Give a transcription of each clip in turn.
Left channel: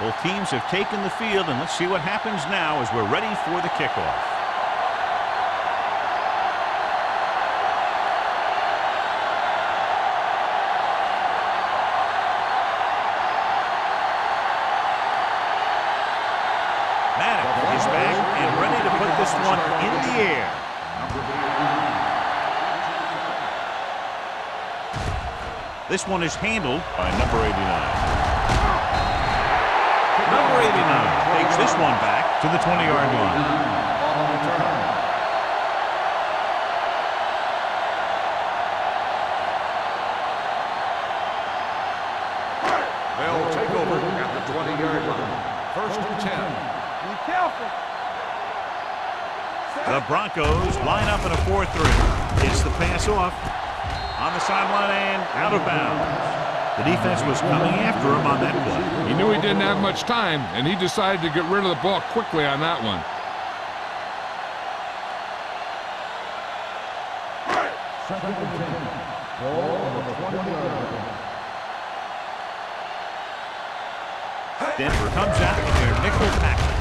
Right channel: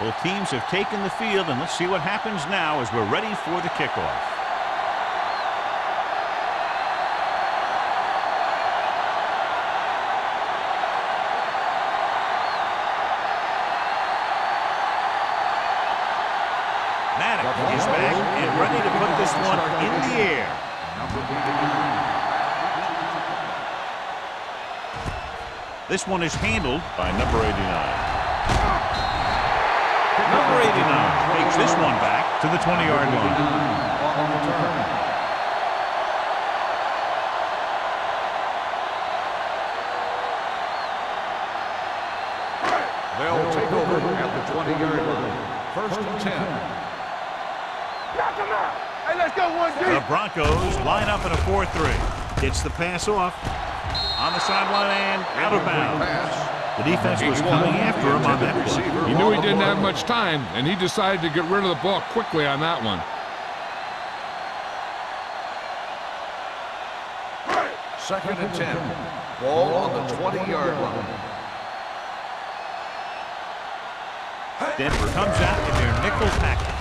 Both teams have taken the field, and let's see what happens now as we're ready for the kickoff. Maddox is back and ready to put this one in the air. Number 89. This one is handled by number 89. Number 89 takes this one back to the 20-yard line. On the return. They'll take over at the 20-yard line. 1st and 10. The Broncos line up in a 4-3. It's the pass off on the sideline and out of bounds. The defense was coming after him on that play. He knew he didn't have much time, and he decided to get rid of the ball quickly on that one. Second and 10. Ball on the 20-yard line. Denver comes out in their nickel package.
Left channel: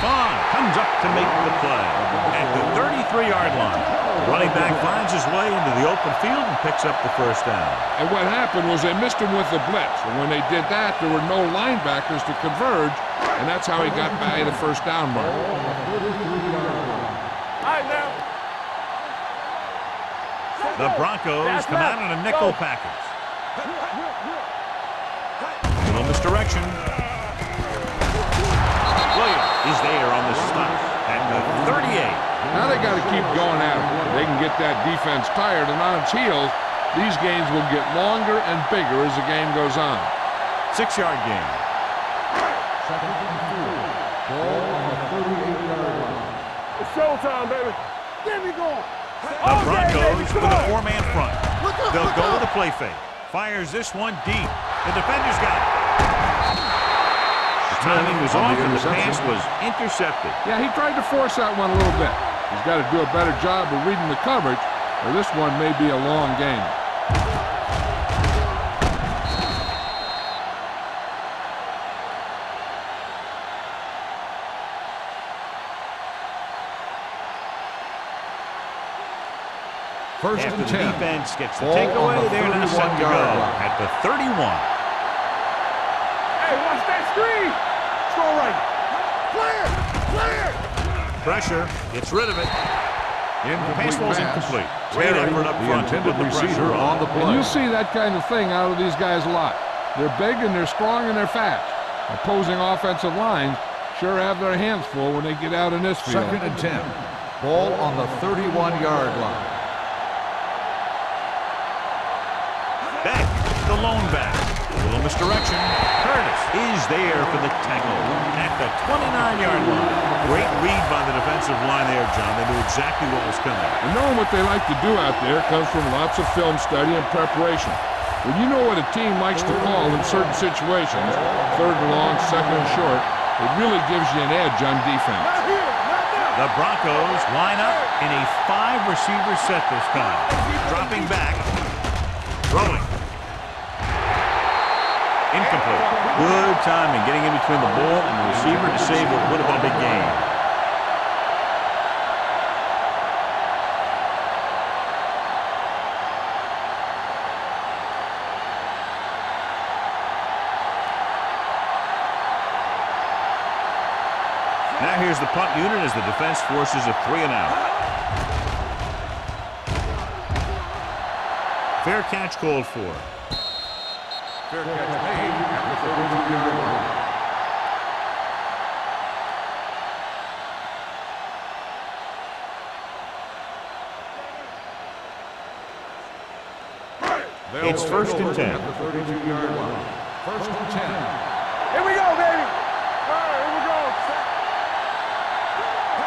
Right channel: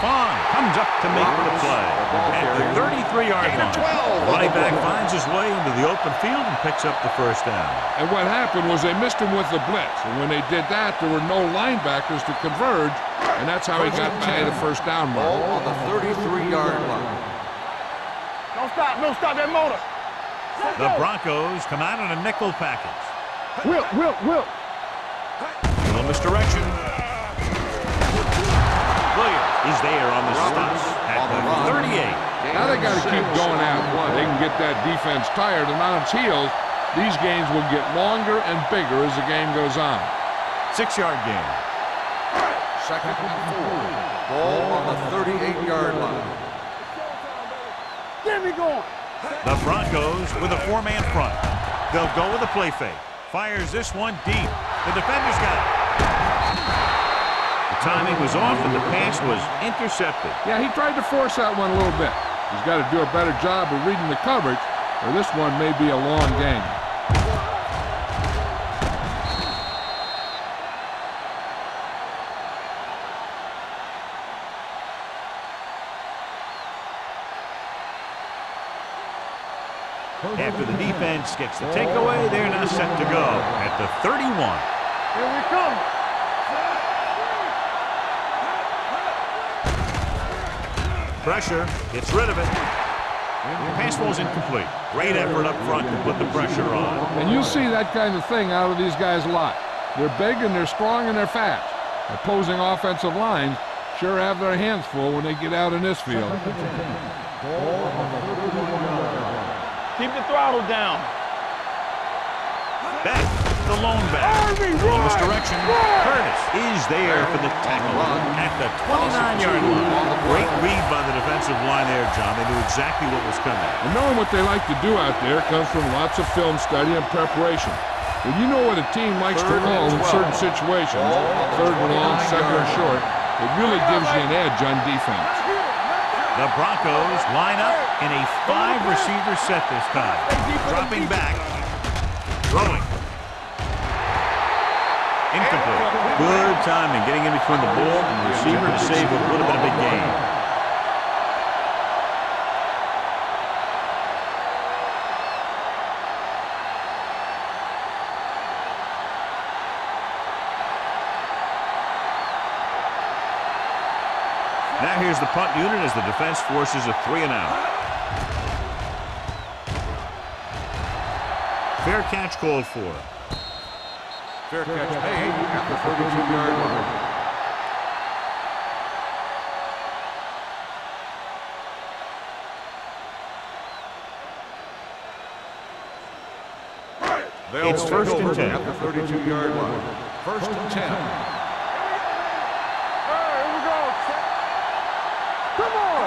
Vaughn comes up to make the play at the 33-yard line. The running back finds his way into the open field and picks up the first down. And what happened was they missed him with the blitz. And when they did that, there were no linebackers to converge, and that's how he got by the first down mark. On the 33-yard line. All right, now. Don't stop that motor. The Broncos come out in a nickel package. Will. Little misdirection. Williams is there on the stop at the 38. Now they got to keep going at it. They can get that defense tired, and on its heels, these games will get longer and bigger as the game goes on. 6-yard gain. Second and 4. Ball on the 38-yard line. It's showtime, baby. Get me going. The Broncos with a 4-man front. They'll go with a play fake. Fires this one deep. The defender's got it. The timing was off and the pass was intercepted. Yeah, he tried to force that one a little bit. He's got to do a better job of reading the coverage, or this one may be a long game. After the defense gets the takeaway, they're now set to go at the 31. Here we come. Hey, watch that screen. Throw right. Pressure, gets rid of it. The pass ball's incomplete. Great effort up front to put the pressure on. And you'll see that kind of thing out of these guys a lot. They're big and they're strong and they're fast. Opposing offensive lines sure have their hands full when they get out in this field. Second and 10. Ball on the 31-yard line. Keep the throttle down. Back, the lone back. A little misdirection. Curtis is there for the tackle at the 29-yard line. Great read by the defensive line there, John. They knew exactly what was coming. And knowing what they like to do out there comes from lots of film study and preparation. When you know what a team likes to call in certain situations, 3rd and long, 2nd and short, it really gives you an edge on defense. The Broncos line up in a 5-receiver set this time. Dropping back. Throwing. Incomplete. Good timing getting in between the ball and the receiver to save what would have been a big gain. Now here's the punt unit as the defense forces a 3-and-out. Fair catch called for. Fair catch made at the 32-yard line. It's 1st and 10. At the 32-yard line. 1st and 10. Here we go, baby. All right, here we go. Set. Come on.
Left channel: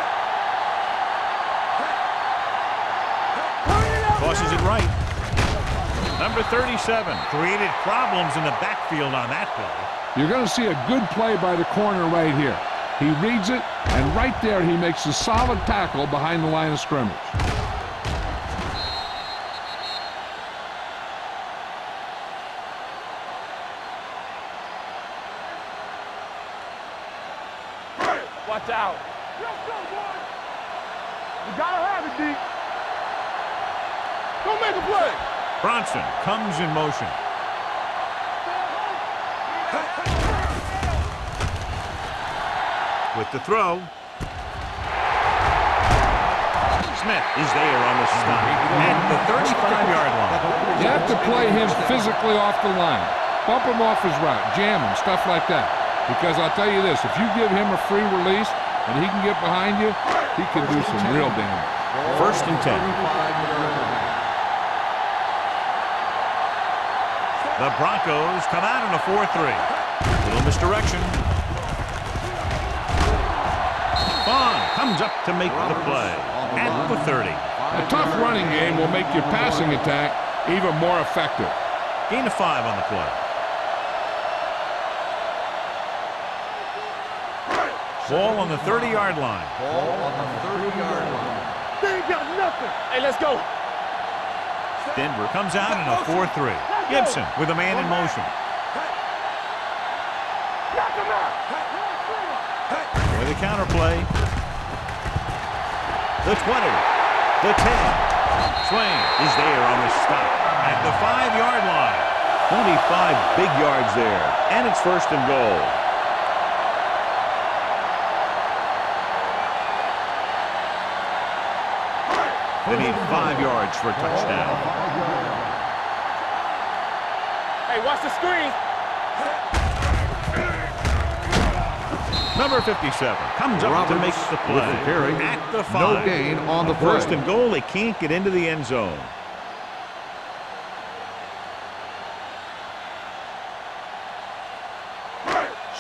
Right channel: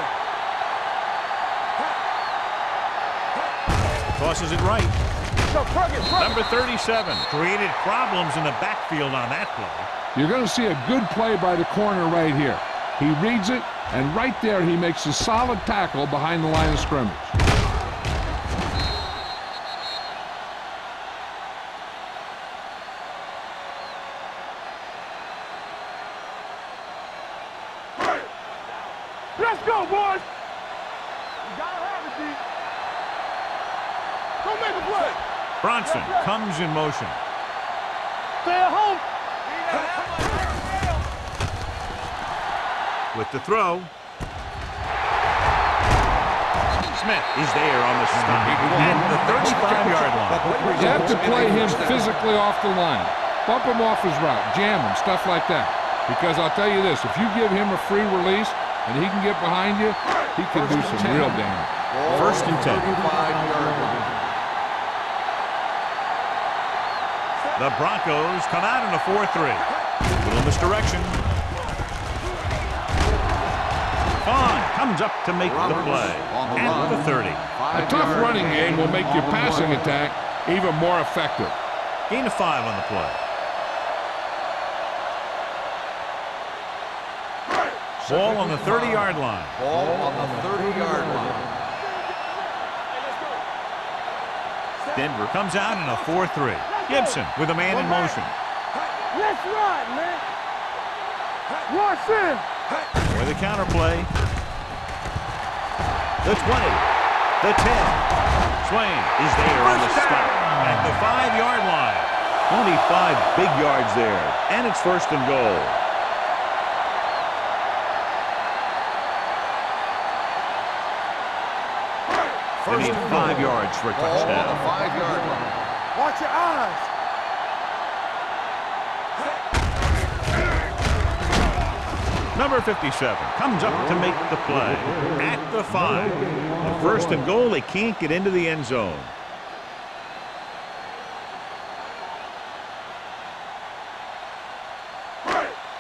Tosses it right. Number 37 created problems in the backfield on that play. You're going to see a good play by the corner right here. He reads it, and right there he makes a solid tackle behind the line of scrimmage. Watch out. Let's go, boys. You gotta have it, D. Go make a play. Bronson comes in motion. Stay at home. With the throw. Smith is there on the stop at the 35-yard line. You have to play him physically off the line. Bump him off his route, jam him, stuff like that. Because I'll tell you this, if you give him a free release and he can get behind you, he can do some real damage. First and 10. The Broncos come out in a 4-3. Little misdirection. Vaughn comes up to make the play at the 30. A tough running game will make your passing attack even more effective. Gain of 5 on the play. Ball on the 30-yard line. Ball on the 30-yard line. Hey, let's go. Denver comes out in a 4-3. Gibson with a man in motion. Let's run, man. Knock him out. Rush in. With a counter play. The 20. The 10. Swain is there on the stop at the 5-yard line. 25 big yards there. And it's first and goal. They need 5 yards for a touchdown. Watch your eyes. Hey, watch the screen. Number 57 comes up to make the play at the 5. No gain on the First play. and goal, they can't get into the end zone.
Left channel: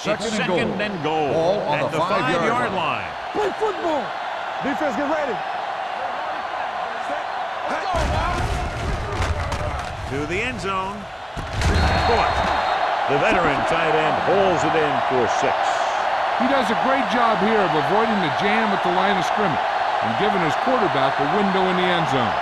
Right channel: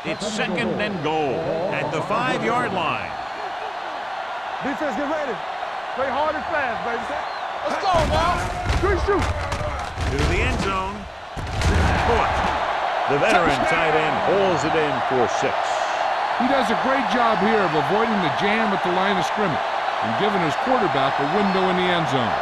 It's second and goal at the 5-yard line. Play football. Defense, get ready. Play hard and fast, baby. Let's go now. To the end zone. Boy, the veteran tight end holds it in for 6. He does a great job here of avoiding the jam at the line of scrimmage and giving his quarterback a window in the end zone.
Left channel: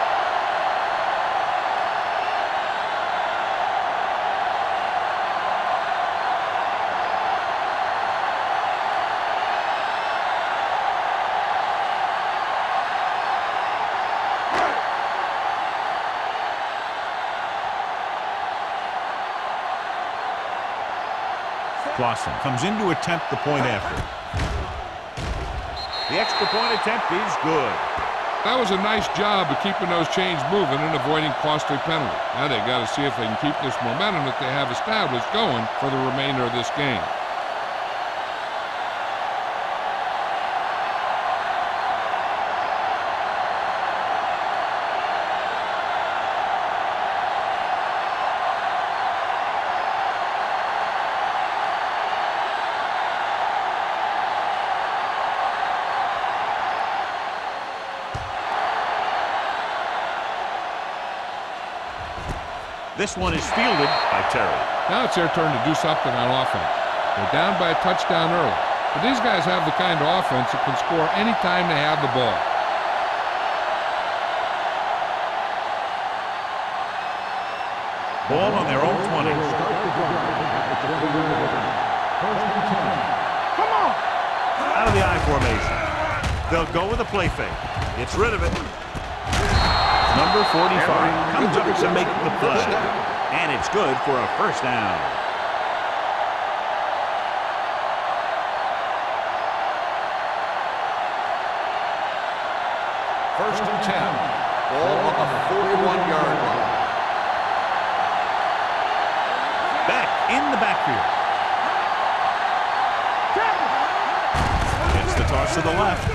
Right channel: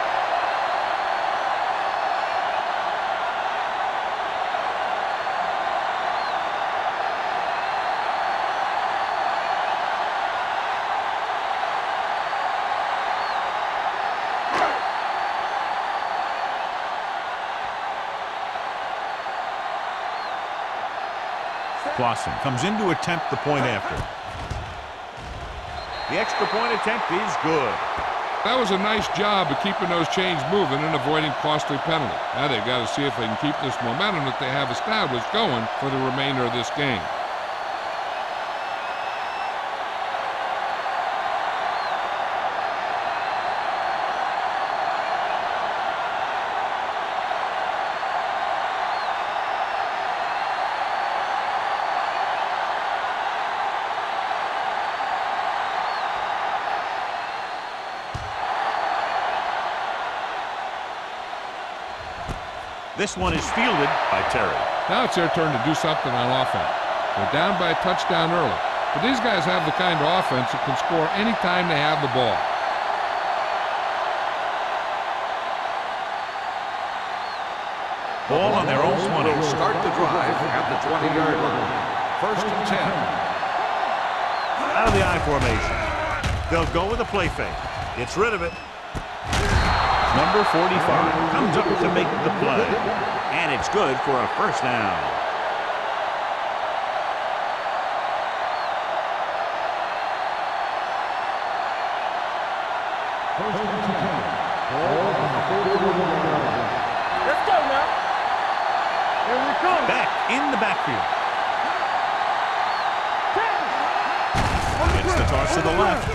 Clausen comes in to attempt the point after. The extra point attempt is good. That was a nice job of keeping those chains moving and avoiding costly penalties. Now they got to see if they can keep this momentum that they have established going for the remainder of this game. This one is fielded by Terry. Now it's their turn to do something on offense. They're down by a touchdown early, but these guys have the kind of offense that can score any time they have the ball. Ball on their own 20. Start the drive at the 20-yard line. First and 10. Come on. Out of the I formation. They'll go with a play fake. Gets rid of it. Number 45 comes up to make the play. And it's good for a first down. First and 10. Ball on the 41-yard line. Let's go now. Here we come. Back in the backfield. Gets the toss to the left.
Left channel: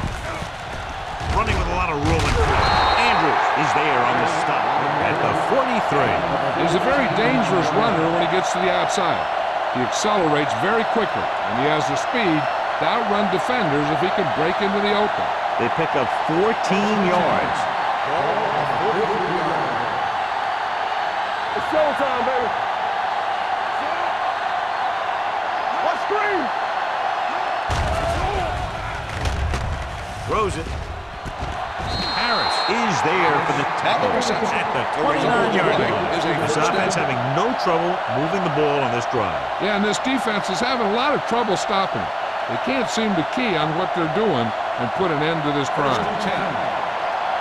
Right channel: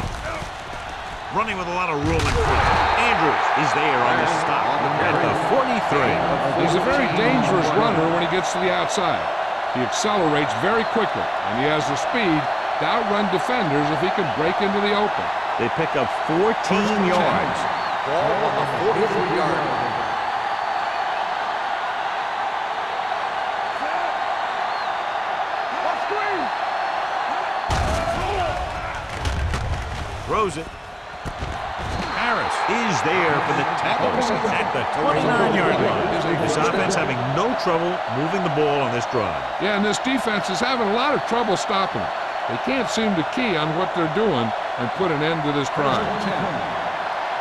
Running with a lot of room and play. Andrews is there on the stop at the 43. He's a very dangerous runner when he gets to the outside. He accelerates very quickly, and he has the speed to outrun defenders if he can break into the open. They pick up 14 yards. Ball on the 43-yard line. It's showtime, baby. What screen? Throws it. Harris is there for the tackle at the 29-yard line. This offense having no trouble moving the ball on this drive. Yeah, and this defense is having a lot of trouble stopping him. They can't seem to key on what they're doing and put an end to this drive.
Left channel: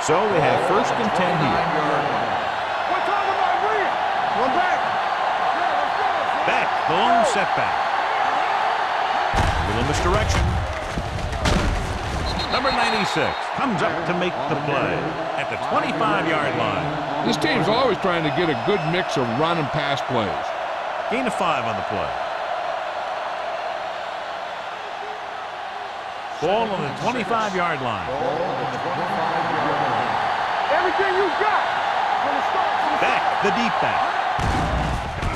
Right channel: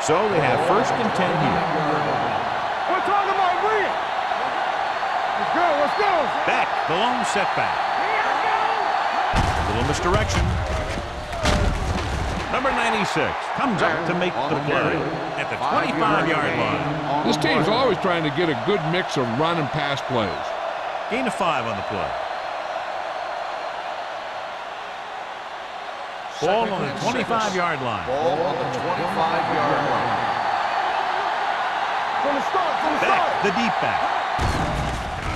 So they have first and 10 here. We're talking about Rhea. Come back. Let's go, let's go. Beck, the lone setback. A little misdirection. Number 96 comes up to make the play at the 25-yard line. This team's always trying to get a good mix of run and pass plays. Gain of 5 on the play. Ball on the 25-yard line. Ball on the 25-yard line. Everything you got. From the start, from the Beck, start. the deep back.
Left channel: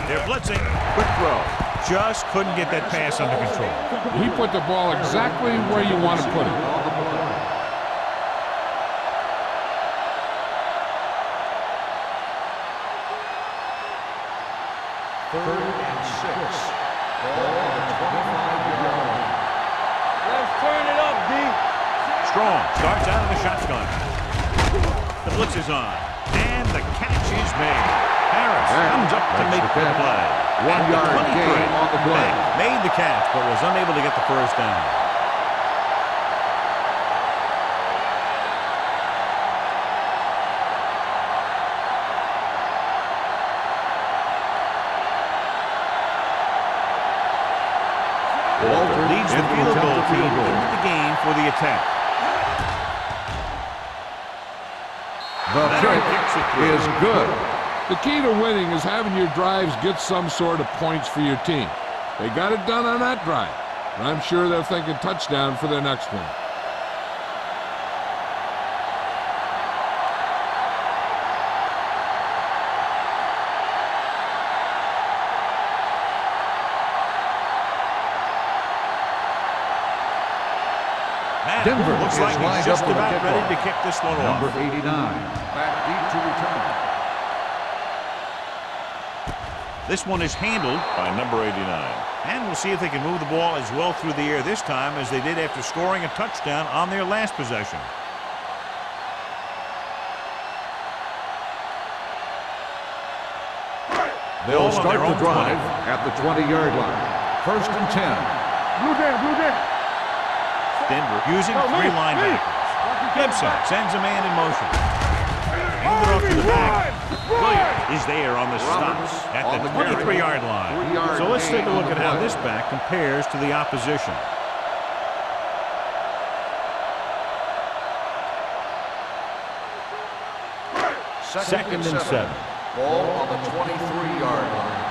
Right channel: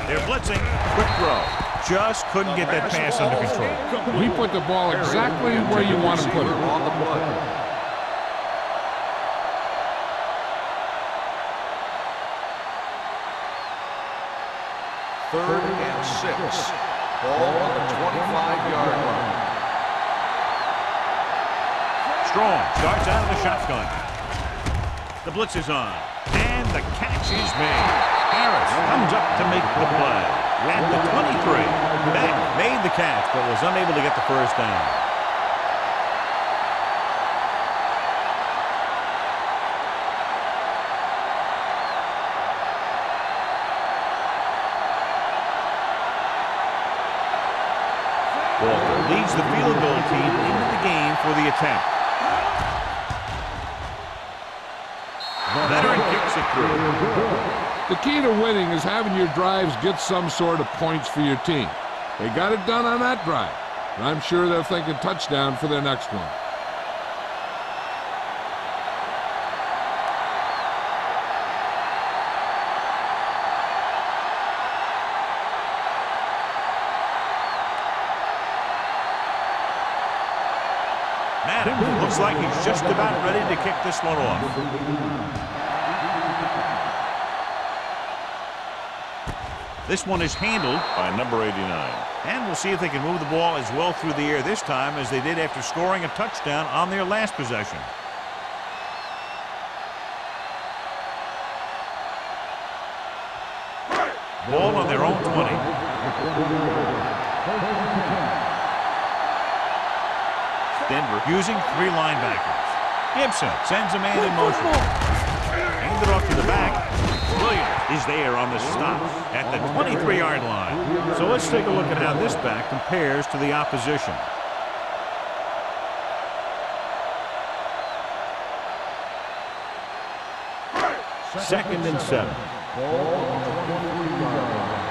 They're blitzing. Quick throw. Just couldn't get that pass under control. He put the ball exactly where you want to put it. On the play. Third and 6. Ball on the 25-yard line. Let's turn it up, D. Strong starts out of the shotgun. The blitz is on. And the catch is made. Harris comes up to make the play. At the 23, Beck made the catch but was unable to get the first down. Walter leads the field goal team into the game for the attempt. Veteran kicks it through. Is good. The key to winning is having your drives get some sort of points for your team. They got it done on that drive, but I'm sure they're thinking touchdown for their next one. Madden looks like he's just about ready to kick this one off. Number 89. Back deep to return. This one is handled by number 89. And we'll see if they can move the ball as well through the air this time as they did after scoring a touchdown on their last possession. Ball on their own 20. At the 20-yard line. First and 10. Denver using 3 linebackers. Gibson sends a man in motion. Handed off to the back. Williams is there on the stop at the 23-yard line. So let's take a look at how this back compares to the opposition. Second and 7. Ball on the 23-yard line.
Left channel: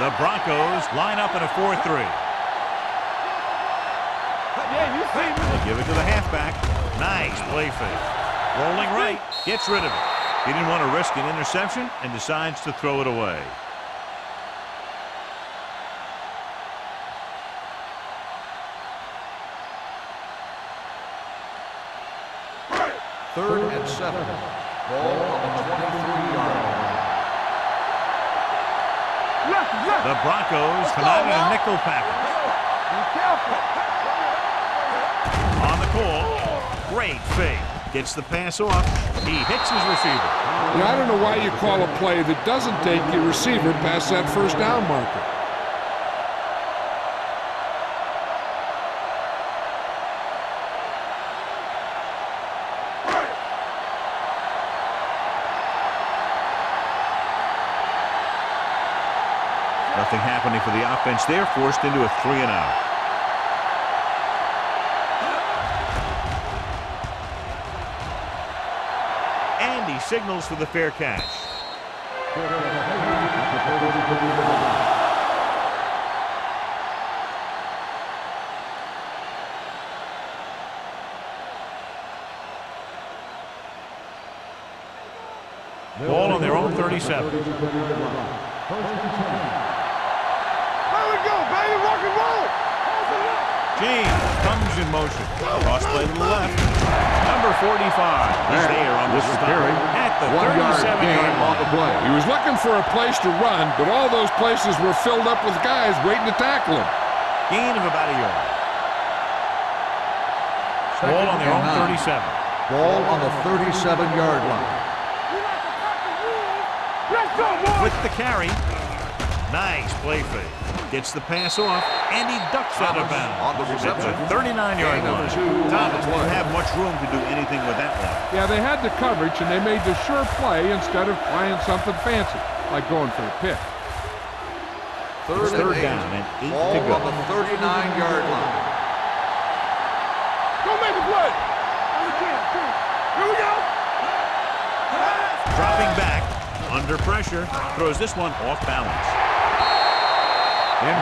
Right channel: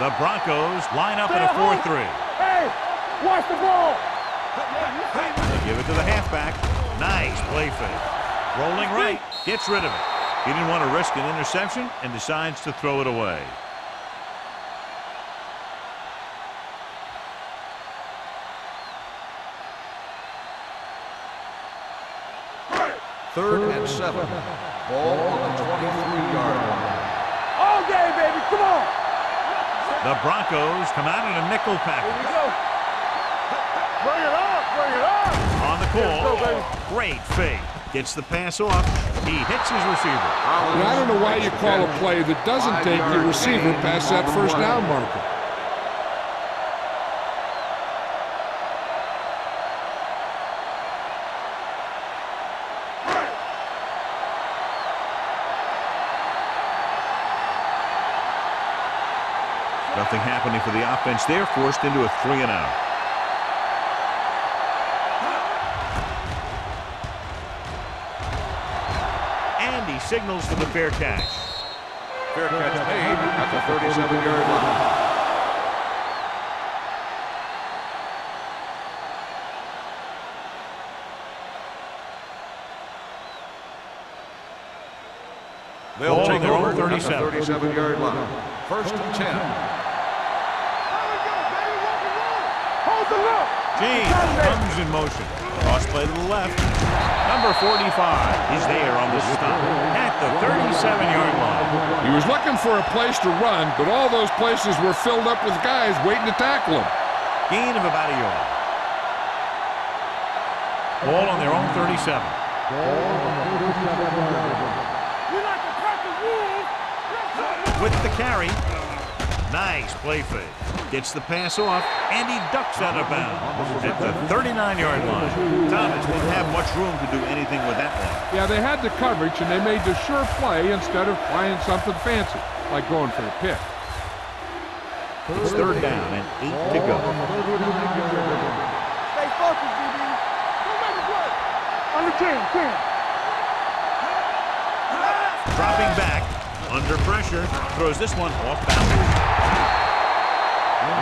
The Broncos line up in a 4-3. Watch the ball. Yeah, you see me. They give it to the halfback. Nice play fake. Rolling right, gets rid of it. He didn't want to risk an interception and decides to throw it away. Third and 7. Ball on the 23-yard line. All day, baby. Come on. The Broncos come out in a nickel package. Bring it up. Bring it up. On the call, great fake. Gets the pass off. He hits his receiver. Now, I don't know why you call a play that doesn't take your receiver past that first down marker. Nothing happening for the offense. They're forced into a 3-and-out. And he signals for the fair catch. Fair catch made at the 37-yard line. Ball on their own 37. 37-yard line. First and 10. There we go, baby. Rock and roll. Hold the look. James comes in motion. Cross play to the left. Number 45 is there on the stop at the 37-yard line. He was looking for a place to run, but all those places were filled up with guys waiting to tackle him. Gain of about a yard. Ball on their own 37. Ball on the 37-yard line. We like to pack the rules. Let's go, boys. With the carry, Nice play fake. Gets the pass off, and he ducks out of bounds at the 39-yard line. Thomas didn't have much room to do anything with that one. Yeah, they had the coverage, and they made the sure play instead of trying something fancy, like going for a pick. It's third down and 8 to go. On the 39-yard line. Go make a play. Under 10. Here we go. Dropping back, under pressure, throws this one off balance.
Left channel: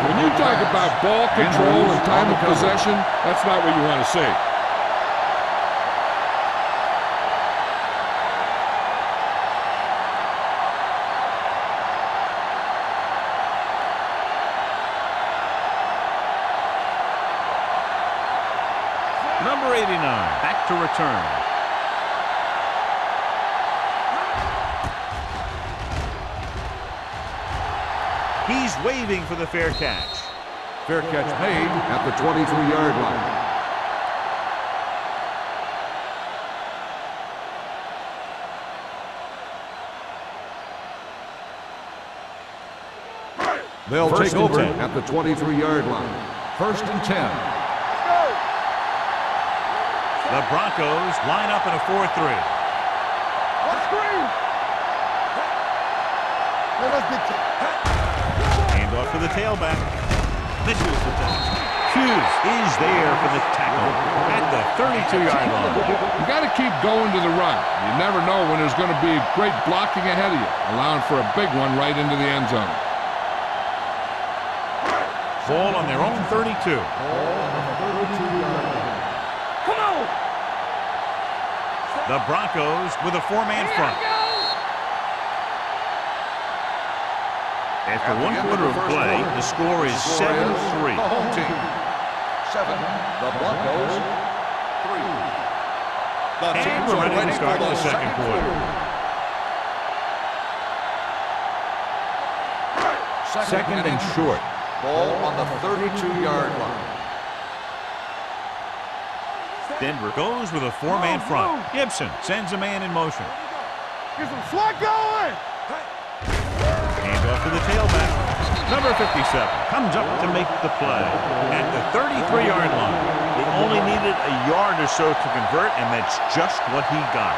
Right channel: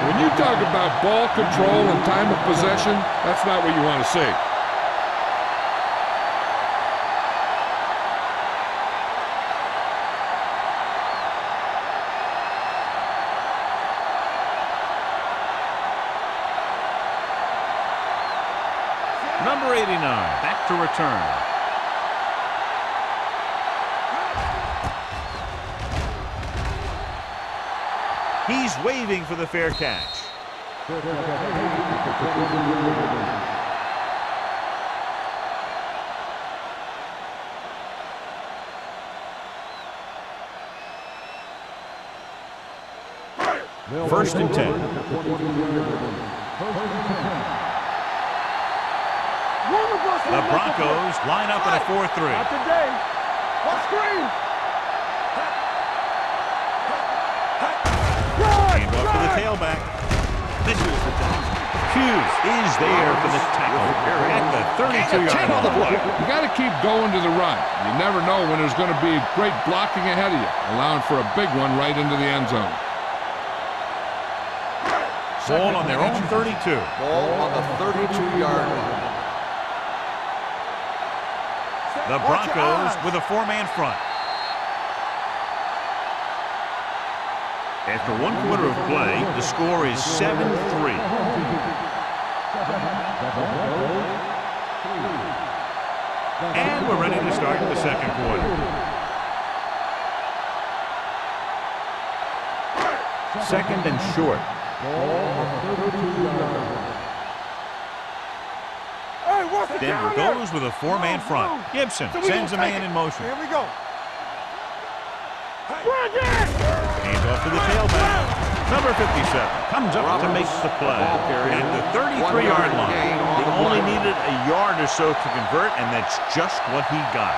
When you talk about ball control and time of possession, that's not what you want to see. Number 89, back to return. He's waving for the fair catch. Fair catch made at the 23-yard line. They'll First take and over 10. at the 23-yard line. First and 10. The Broncos line up in a 4-3. What screen? Hand off to the tailback. Misses the tackle. Hughes is there for the tackle at the 32-yard line. You got to keep going to the run. You never know when there's going to be great blocking ahead of you, allowing for a big one right into the end zone. Ball on their own 32. Ball on the 32-yard line. The Broncos with a 4-man front. After 1 quarter of play, the score is 7-3. The home team. 7. The Broncos. 3. And we're ready to start the second quarter. Second and short. Ball on the 32-yard line. Denver goes with a 4-man front. Gibson sends a man in motion. Here we go. Get some slack going. Hand off to the tailback. Number 57 comes up to make the play at the 33-yard line. They only needed a yard or so to convert, and that's just what he got.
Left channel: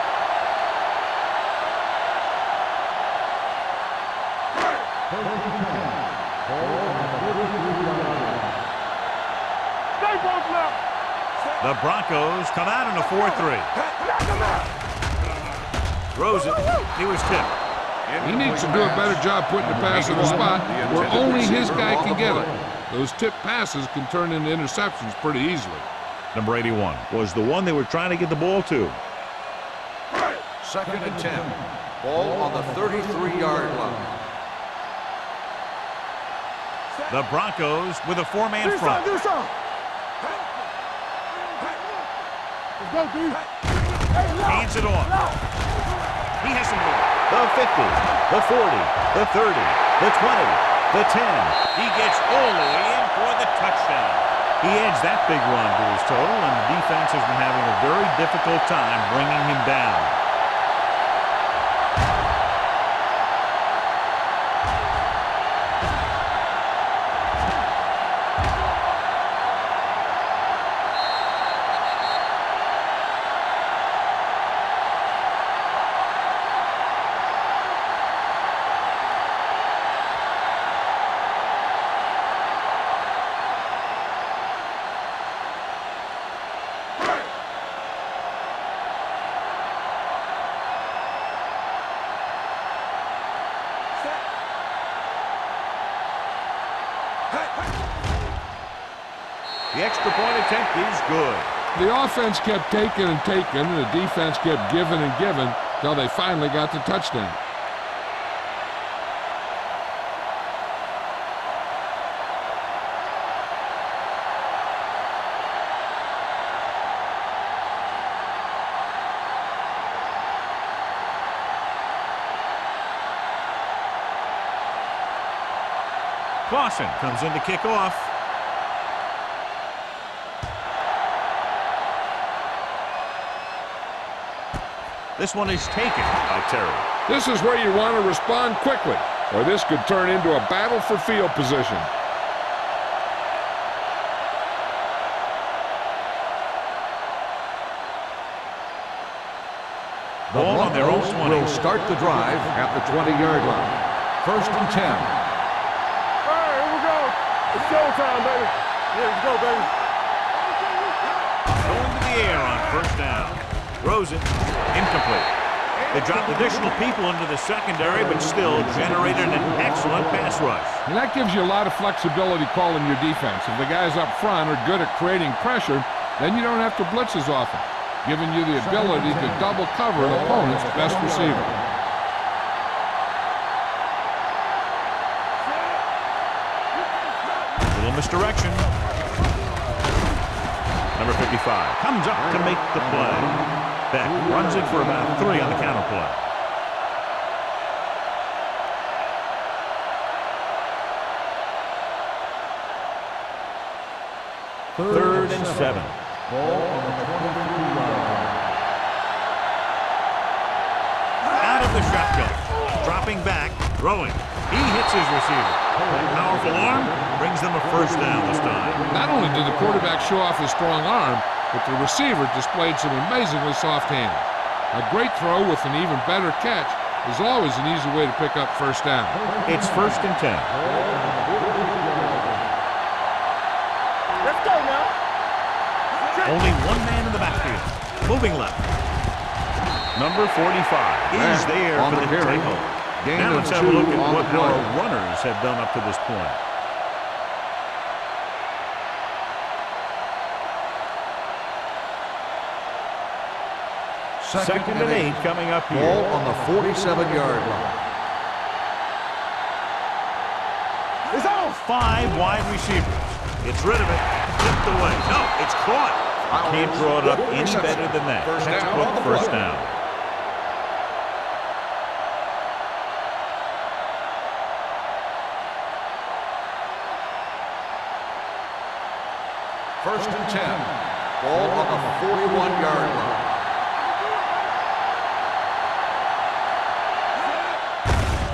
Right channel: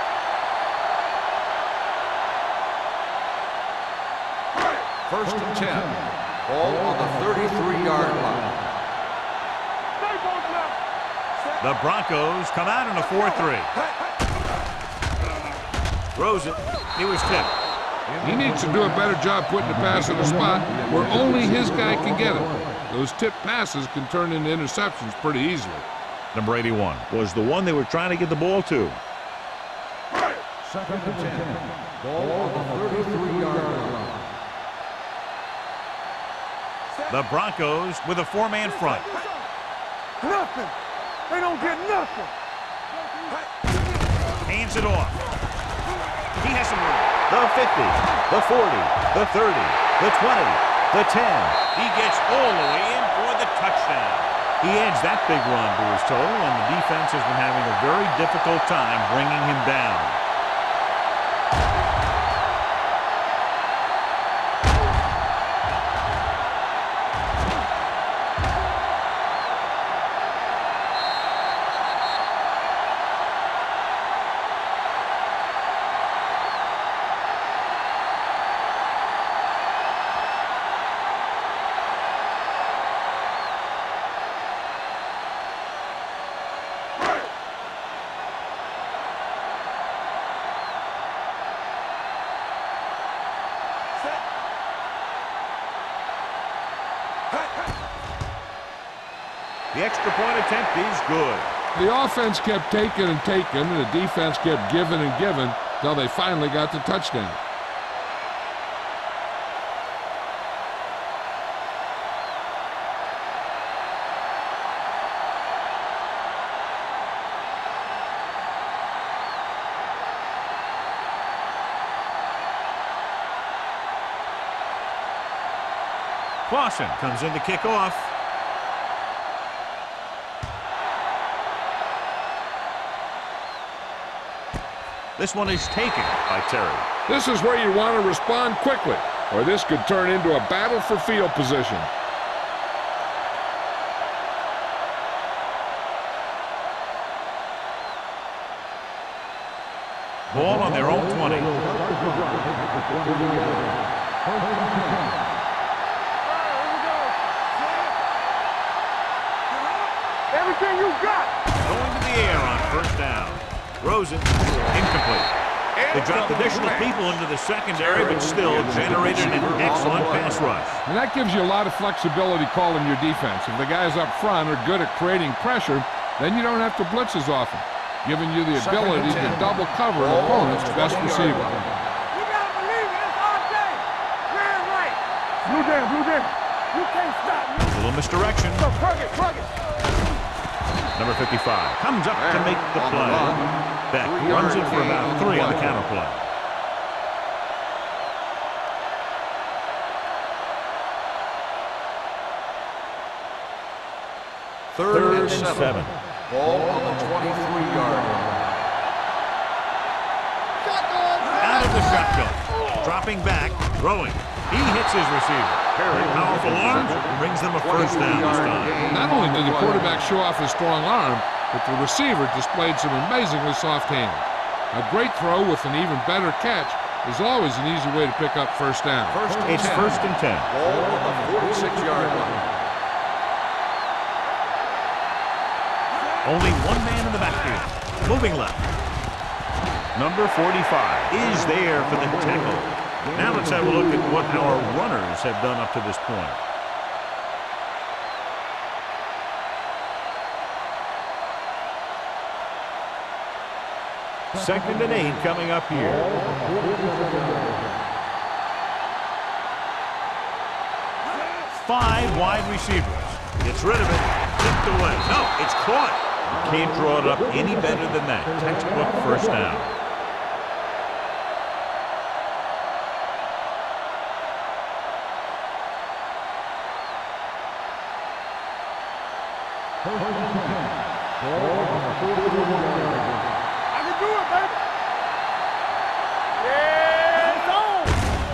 First and 10. Ball on the 33-yard line. Stay both left. The Broncos come out in a 4-3. Throws it. He was tipped. He needs to do a better job putting the pass in a spot where only his guy can get it. Those tipped passes can turn into interceptions pretty easily. Number 81 was the one they were trying to get the ball to. Second and 10. Ball on the 33-yard line. The Broncos with a 4-man front. They don't get nothing. Hands it off. He has some room. The 50, the 40, the 30, the 20, the 10. He gets all the way in for the touchdown. He adds that big run to his total, and the defense has been having a very difficult time bringing him down. The extra point attempt is good. The offense kept taking and taking, and the defense kept giving and giving until they finally got the touchdown. Clausen comes in to kick off. This one is taken by Terry. This is where you want to respond quickly. or this could turn into a battle for field position. Ball on their own 20. Will start the drive at the 20-yard line. 1st and 10. All right, here we go. It's showtime, baby. Let's go, baby. Everything you got. Going to the air on 1st down. Throws it. Incomplete. They dropped additional people into the secondary, but still generated an excellent pass rush. And that gives you a lot of flexibility calling your defense. If the guys up front are good at creating pressure, then you don't have to blitz as often, giving you the ability to double cover an opponent's best receiver. Little misdirection. Number 55 comes up to make the play. Beck runs it for about 3 on the counter play. Third and 7. Ball on the 23-yard line. Out of the shotgun. Dropping back. Throwing. He hits his receiver. That powerful arm brings them a 1st down this time. Not only did the quarterback show off his strong arm, but the receiver displayed some amazingly soft hands. A great throw with an even better catch is always an easy way to pick up 1st down. It's 1st and 10. Ball on the 46-yard line. Only one man in the backfield. Moving left. Number 45 is there for the tackle. Now let's have a look at what our runners have done up to this point. Second and 8 coming up here. Ball on the 47-yard line. 5 wide receivers. Gets rid of it. Tipped away. No, it's caught. You can't draw it up any better than that. Textbook 1st down. First and 10. Ball on the 41-yard line. I can do it, baby.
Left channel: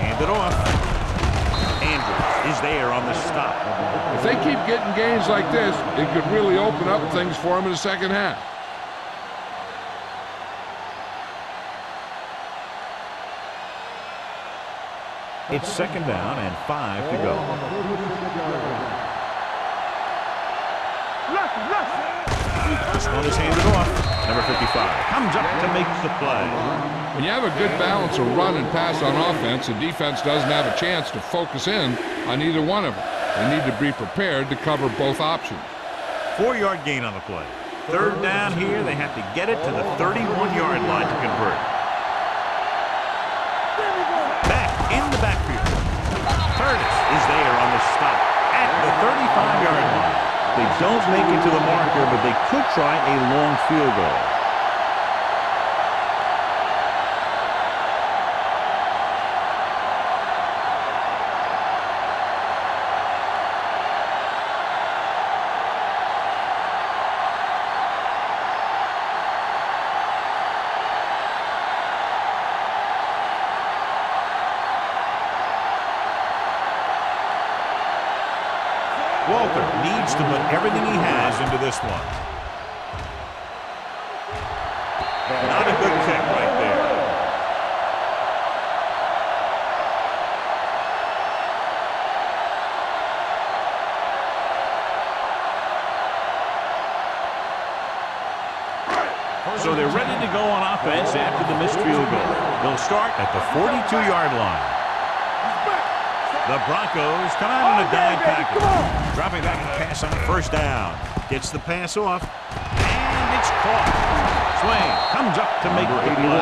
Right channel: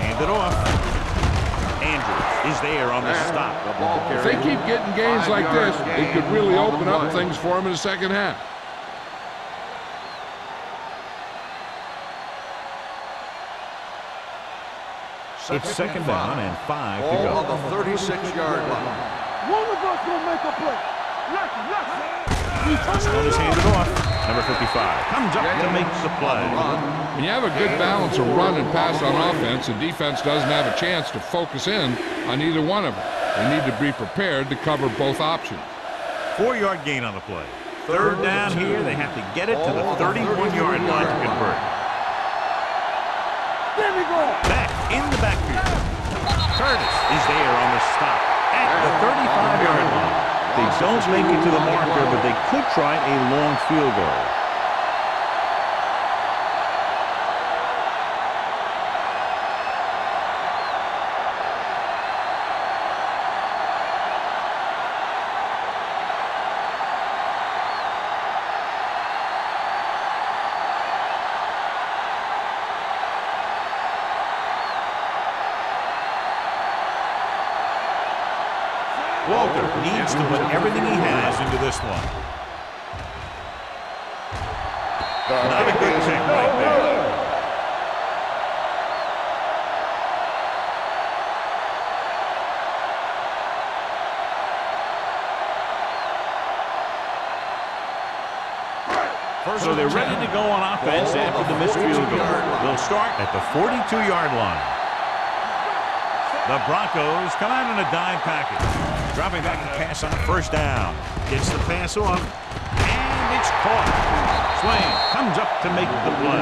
Hand it off. Andrews is there on the stop. If they keep getting gains like this, it could really open up things for them in the second half. It's 2nd down and 5 to Ball go. on the 36-yard line. One of us gonna make a play. Left. This one is handed off. Number 55 comes up to make the play. When you have a good balance of run and pass on offense, the defense doesn't have a chance to focus in on either one of them. They need to be prepared to cover both options. 4-yard gain on the play. 3rd down here. They have to get it to the 31-yard line to convert. There we go. Back in the backfield. Curtis is there on the stop at the 35-yard line. They don't make it to the marker, but they could try a long field goal. Walter needs to put everything he has into this one. Not a good kick right there. So they're ready to go on offense after the missed field goal. They'll start at the 42-yard line. The Broncos come out in a dime package. Dropping back to pass on 1st down. Gets the pass off. And it's caught. Swain comes up to make the play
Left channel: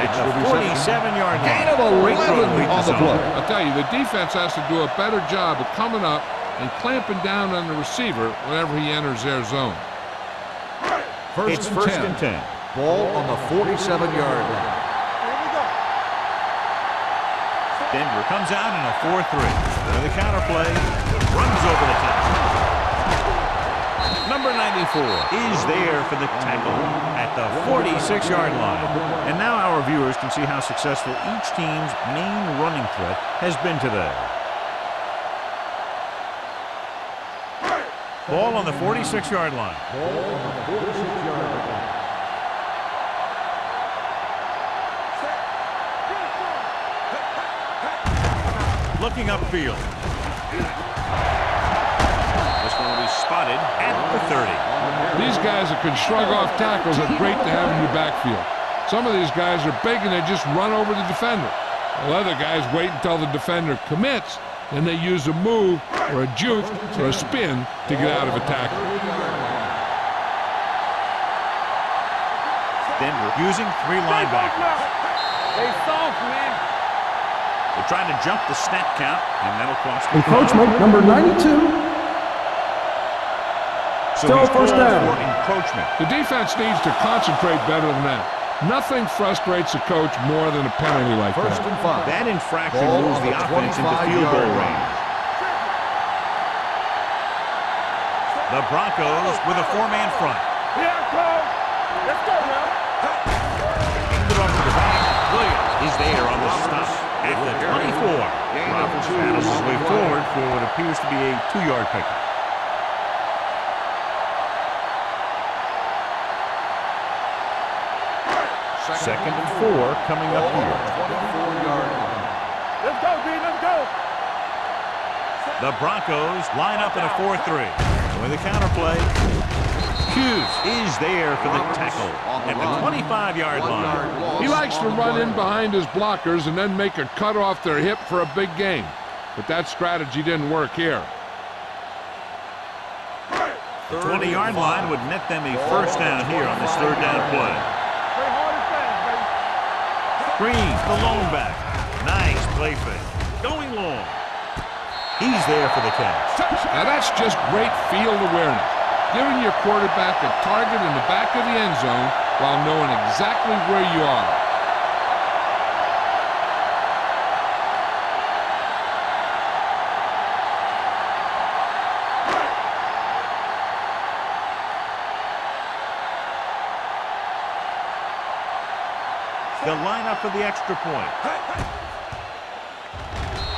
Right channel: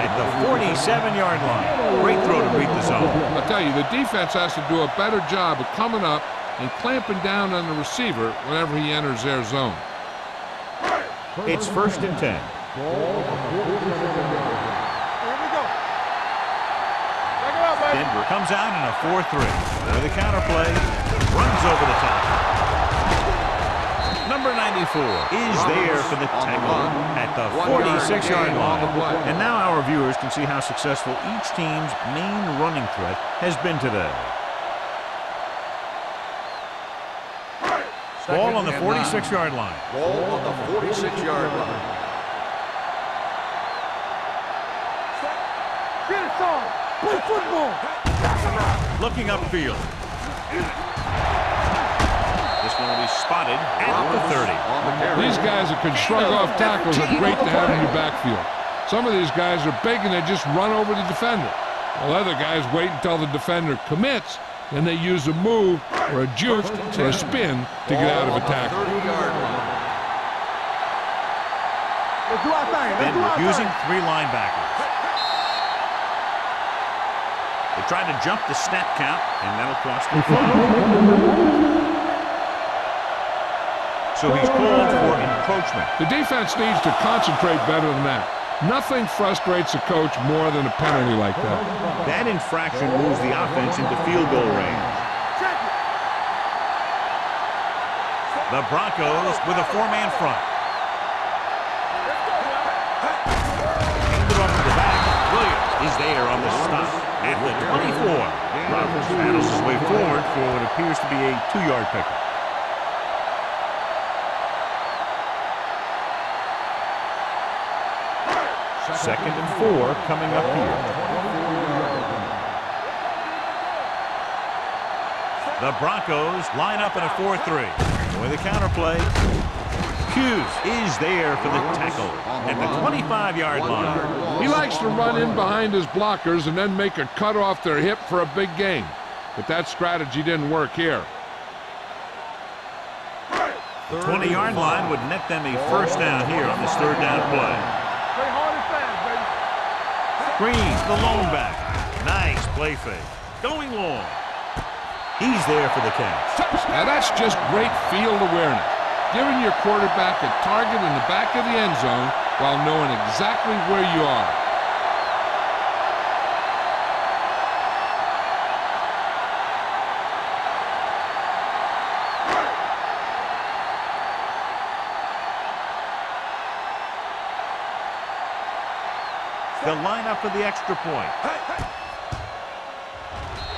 at the 47-yard line. Great throw to beat the zone. I'll tell you, the defense has to do a better job of coming up and clamping down on the receiver whenever he enters their zone. It's 1st and 10. Ball on the 47-yard line. Here we go. Denver comes out in a 4-3. With a counter play, runs over the tackle. Number 94 is there for the tackle at the 46-yard line. And now our viewers can see how successful each team's main running threat has been today. Ball on the 46-yard line. Ball on the 46-yard line. Get it, son. Play football. Looking upfield. This one will be spotted at the 30. These guys that can shrug off tackles are great to have in your backfield. Some of these guys are big and they just run over the defender. While other guys wait until the defender commits, then they use a move or a juke or a spin to get out of a tackle. Denver using 3 linebackers. They try to jump the snap count, and that'll cost them. Encroachment number 92. So he's called for encroachment. The defense needs to concentrate better than that. Nothing frustrates a coach more than a penalty like that. That infraction moves the offense into field goal range. The Broncos with a 4-man front. Let's go now. Handed off to the back. Williams is there on the stop at the 24. Roberts battles his way forward for what appears to be a 2-yard pickup. Second and 4 coming up here. 24-yard line. Let's go, D. Let's go. The Broncos line up in a 4-3. With the counterplay, Hughes is there for the tackle at the 25-yard line. He likes to run in behind his blockers and then make a cut off their hip for a big gain. But that strategy didn't work here. The 20-yard line would net them a first down here on this 3rd down play. Play hard and fast, baby. Green, the lone back. Nice play fake. Going long. He's there for the catch. Now that's just great field awareness. Giving your quarterback a target in the back of the end zone while knowing exactly where you are. They'll line up for the extra point.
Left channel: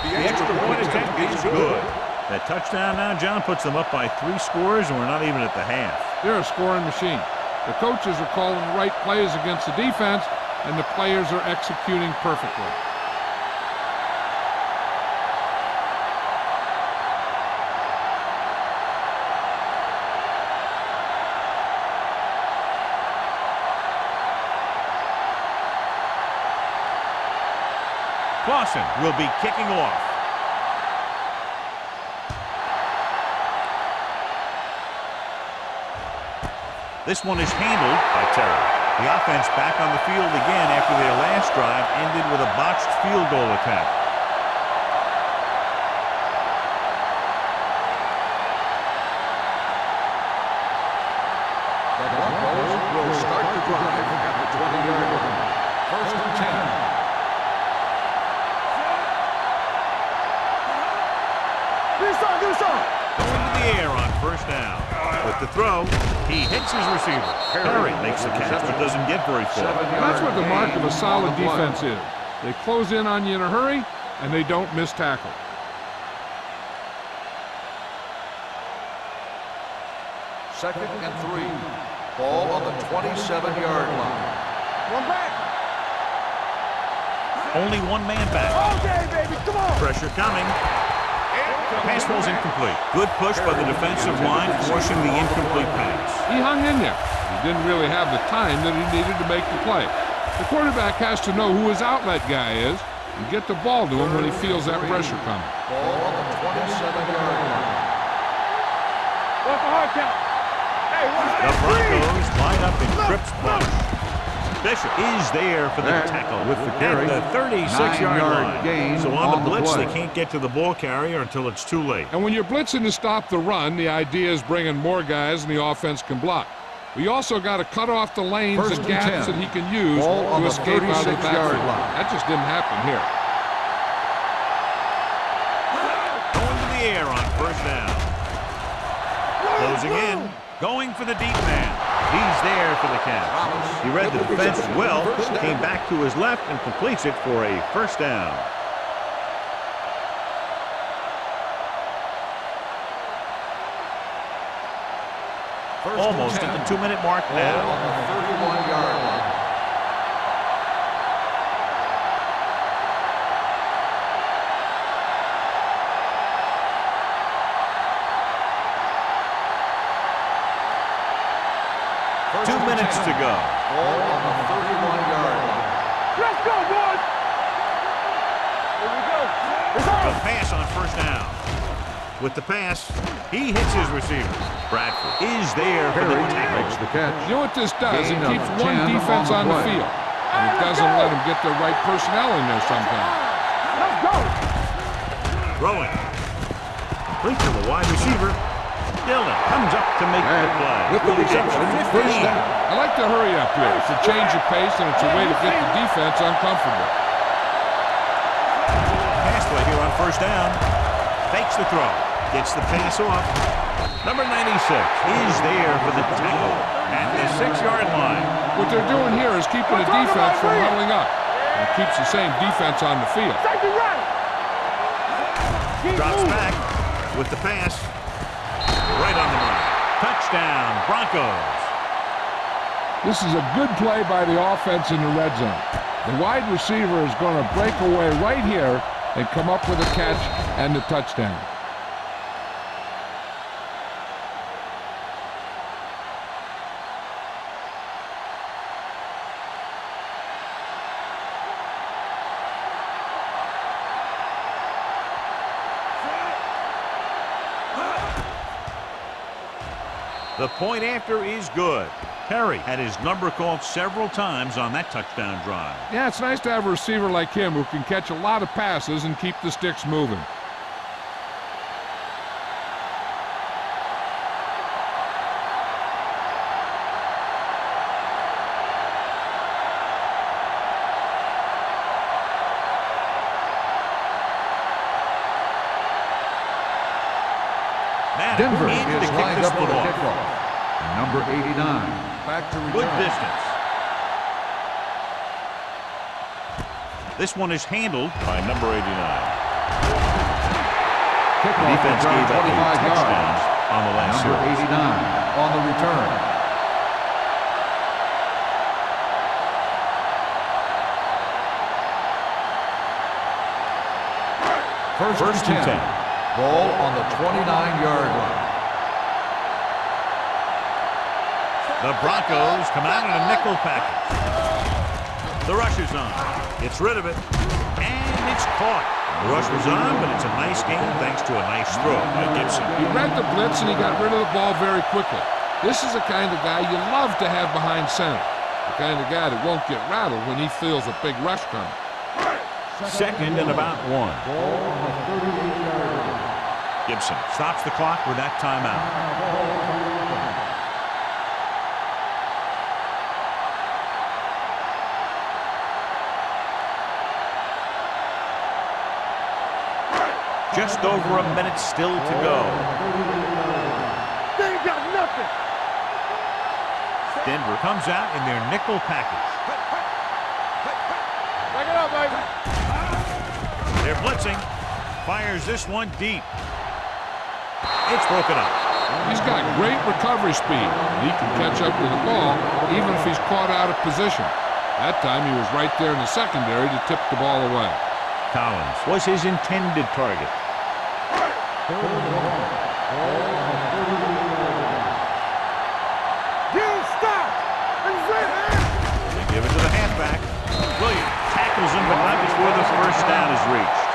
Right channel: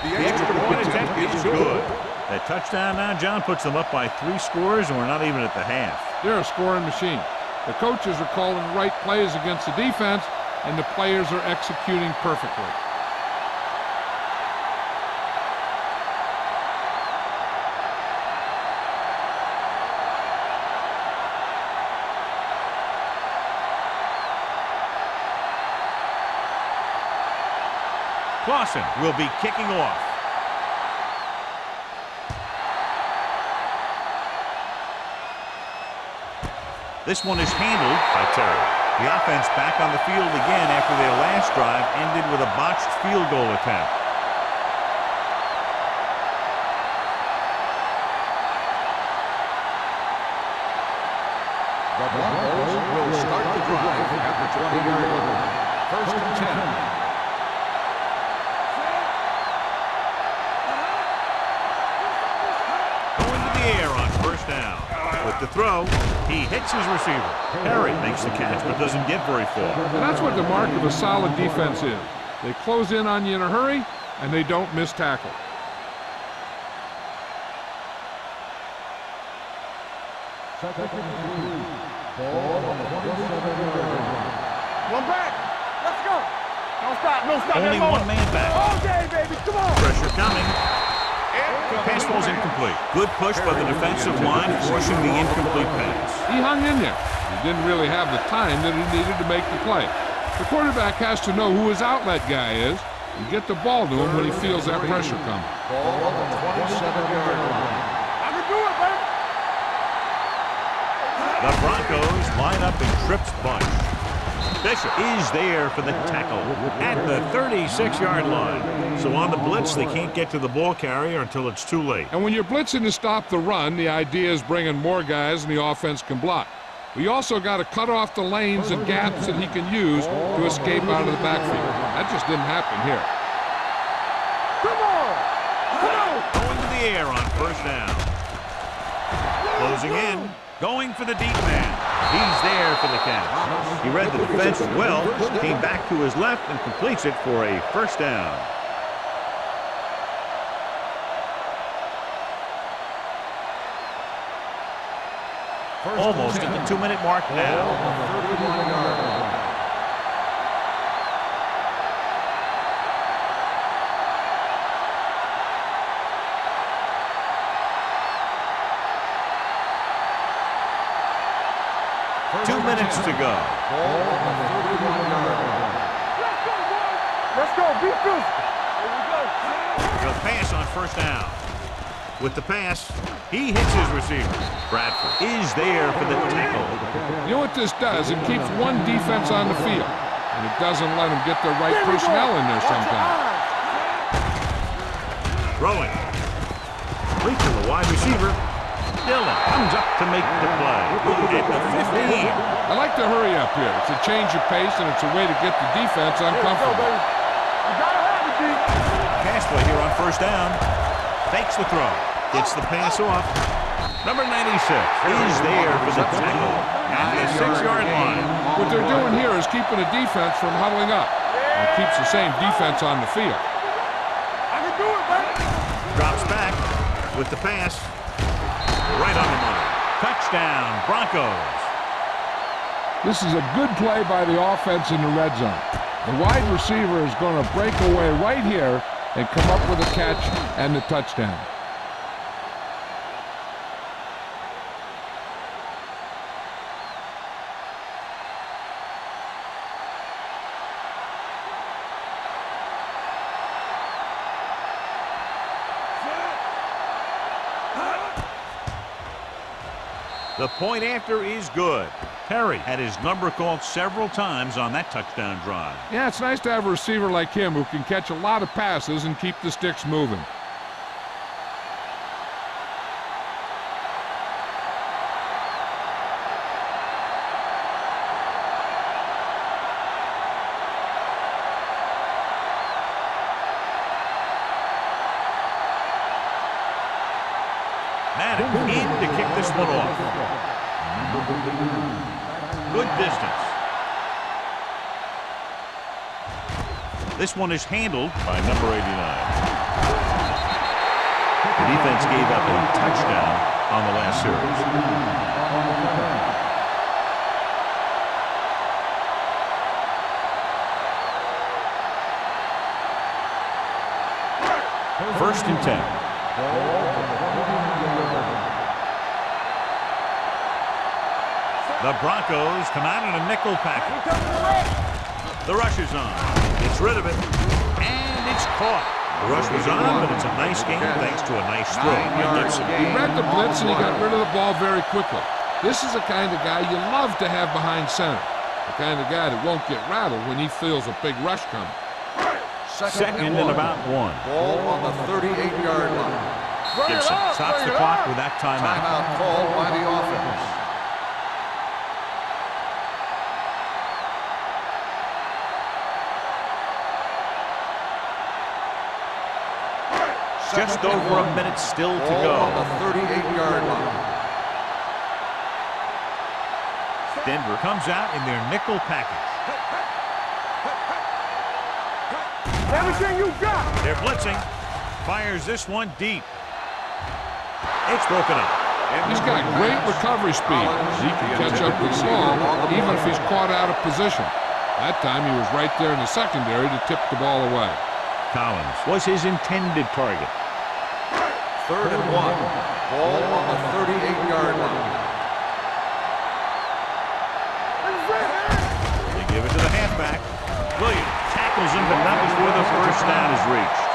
The extra point attempt is good. That touchdown now, John, puts them up by 3 scores, and we're not even at the half. They're a scoring machine. The coaches are calling the right plays against the defense, and the players are executing perfectly. Clausen will be kicking off. This one is handled by Terry. The offense back on the field again after their last drive ended with a botched field goal attempt. The Broncos will start the drive at the 20-yard line. 1st and 10. Going to the air on 1st down. With the throw, he hits his receiver. Perry makes the catch but doesn't get very far. And that's what the mark of a solid defense is. They close in on you in a hurry, and they don't miss tackle. Second and 3. Ball on the 27-yard line. One back. Let's go. No stop. No stop. Only one man back. All day, baby. Come on. Pressure coming. Pass ball's incomplete. Good push by the defensive line, forcing the incomplete pass. He hung in there. He didn't really have the time that he needed to make the play. The quarterback has to know who his outlet guy is and get the ball to him when he feels that pressure coming. Ball on the 27-yard line. What's the hard count? The Broncos line up in Tripp's bunch. Bishop is there for the tackle at the 36-yard line. So on the blitz, they can't get to the ball carrier until it's too late. And when you're blitzing to stop the run, the idea is bringing more guys and the offense can block. We also got to cut off the lanes and gaps that he can use to escape out of the backfield. That just didn't happen here. Going to the air on 1st down. Closing in. Going for the deep man. He's there for the catch. He read the defense well, came back to his left and completes it for a first down. Almost at the 2-minute mark now. On the 31-yard line. First 2 minutes to go. Ball on the 31-yard line. Let's go, boys. Let's go. Defense. Here we go. The pass on first down. With the pass, he hits his receiver. Bradford is there for the tackle. You know what this does? It keeps one defense on the field, and it doesn't let them get the right personnel in there sometimes. Throwing. Complete to the wide receiver. Dillon comes up to make the play. At the 15. I like to hurry up here. It's a change of pace, and it's a way to get the defense uncomfortable. Pass play here on first down. Fakes the throw. Gets the pass off. Number 96 is there for the tackle at the 6-yard line. What they're doing here is keeping the defense from huddling up. And it keeps the same defense on the field. Drops back with the pass. Right on the money. Touchdown, Broncos. This is a good play by the offense in the red zone. The wide receiver is going to break away right here and come up with a catch and the touchdown. The point after is good. Perry had his number called several times on that touchdown drive. Yeah, it's nice to have a receiver like him who can catch a lot of passes and keep the sticks moving. Maddox in to kick this one off. Number 89. Back to Good distance. This one is handled by number 89. The defense gave up a touchdown on the last Number series. 89 on the return. First and 10. Ball on the 29-yard line. The Broncos come out in a nickel package. The rush is on. Gets rid of it. And it's caught. The rush was on, but it's a nice game thanks to a nice throw by Gibson. He read the blitz and he got rid of the ball very quickly. This is the kind of guy you love to have behind center. The kind of guy that won't get rattled when he feels a big rush coming. Second and about 1. Ball on the 38-yard line. Gibson stops the clock with that timeout. Timeout called by the offense. Just over a minute still to Ball go. on the 38-yard line. They ain't got nothing. Denver comes out in their nickel package. Back it up, baby. Everything you got. They're blitzing. Fires this one deep. It's broken up. He's got great recovery speed. He can catch up to the ball even if he's caught out of position. That time he was right there in the secondary to tip the ball away. Collins was his intended target. Third and 1. Ball on the 38-yard line. Get him stopped. That's it, man. They give it to the halfback. Williams tackles him, but not before the first down is reached.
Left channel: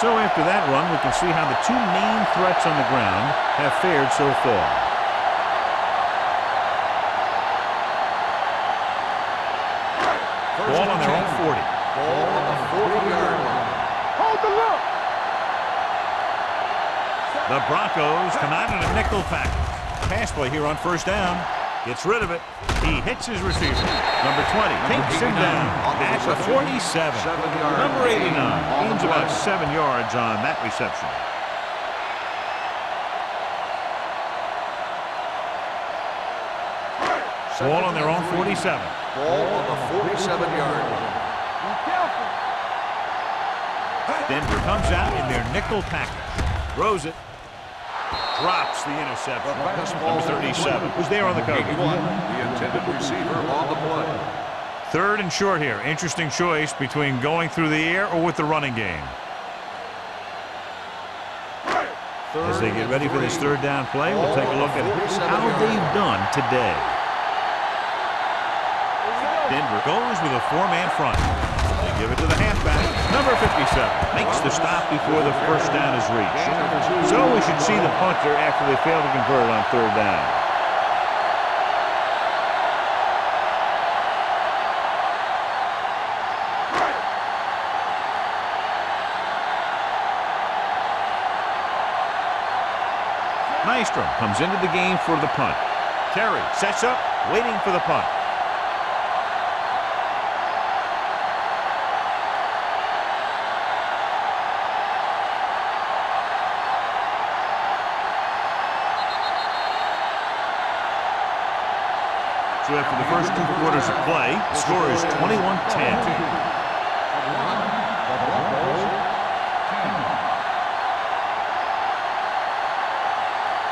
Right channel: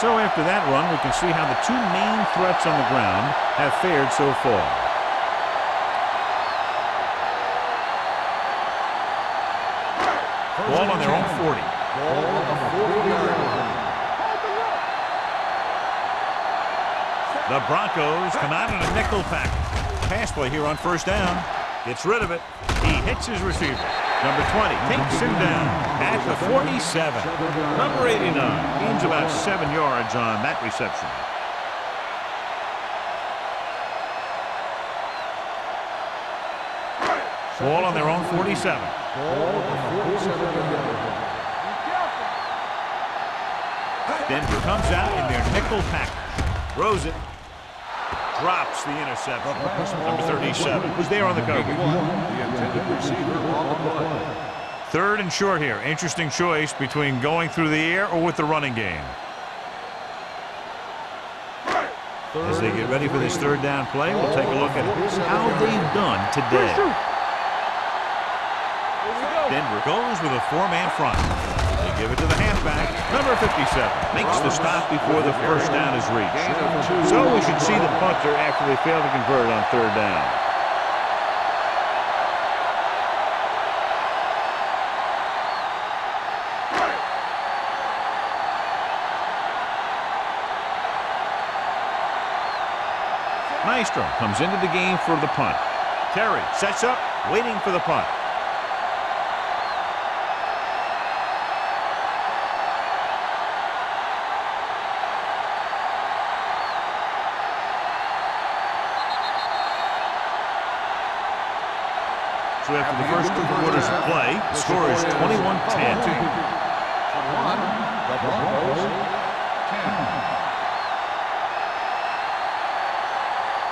So after that run, we can see how the two main threats on the ground have fared so far. Ball on their own 40. Ball on the 40-yard line. Hold the look. The Broncos come out in a nickel package. Pass play here on first down. Gets rid of it. He hits his receiver. Number 20 takes him down at the 47. Number 89 gains about 7 yards on that reception. Ball on their own 47. Ball on the 47-yard line. Be careful. Denver comes out in their nickel package. Throws it. Drops the interception. The fastball Number 37 was there on the coverage. 81, the intended receiver on the play. Third and short here. Interesting choice between going through the air or with the running game. As they get ready for this third down play, we'll take a look at how they've done today. Denver goes with a four-man front. They give it to the halfback. Number 57 makes the stop before the first down is reached. So we should see the punter after they fail to convert on third down. Nystrom comes into the game for the punt. Terry sets up, waiting for the punt. So after the first 2 quarters of play, the score is 21-10. 21, the Broncos, 10.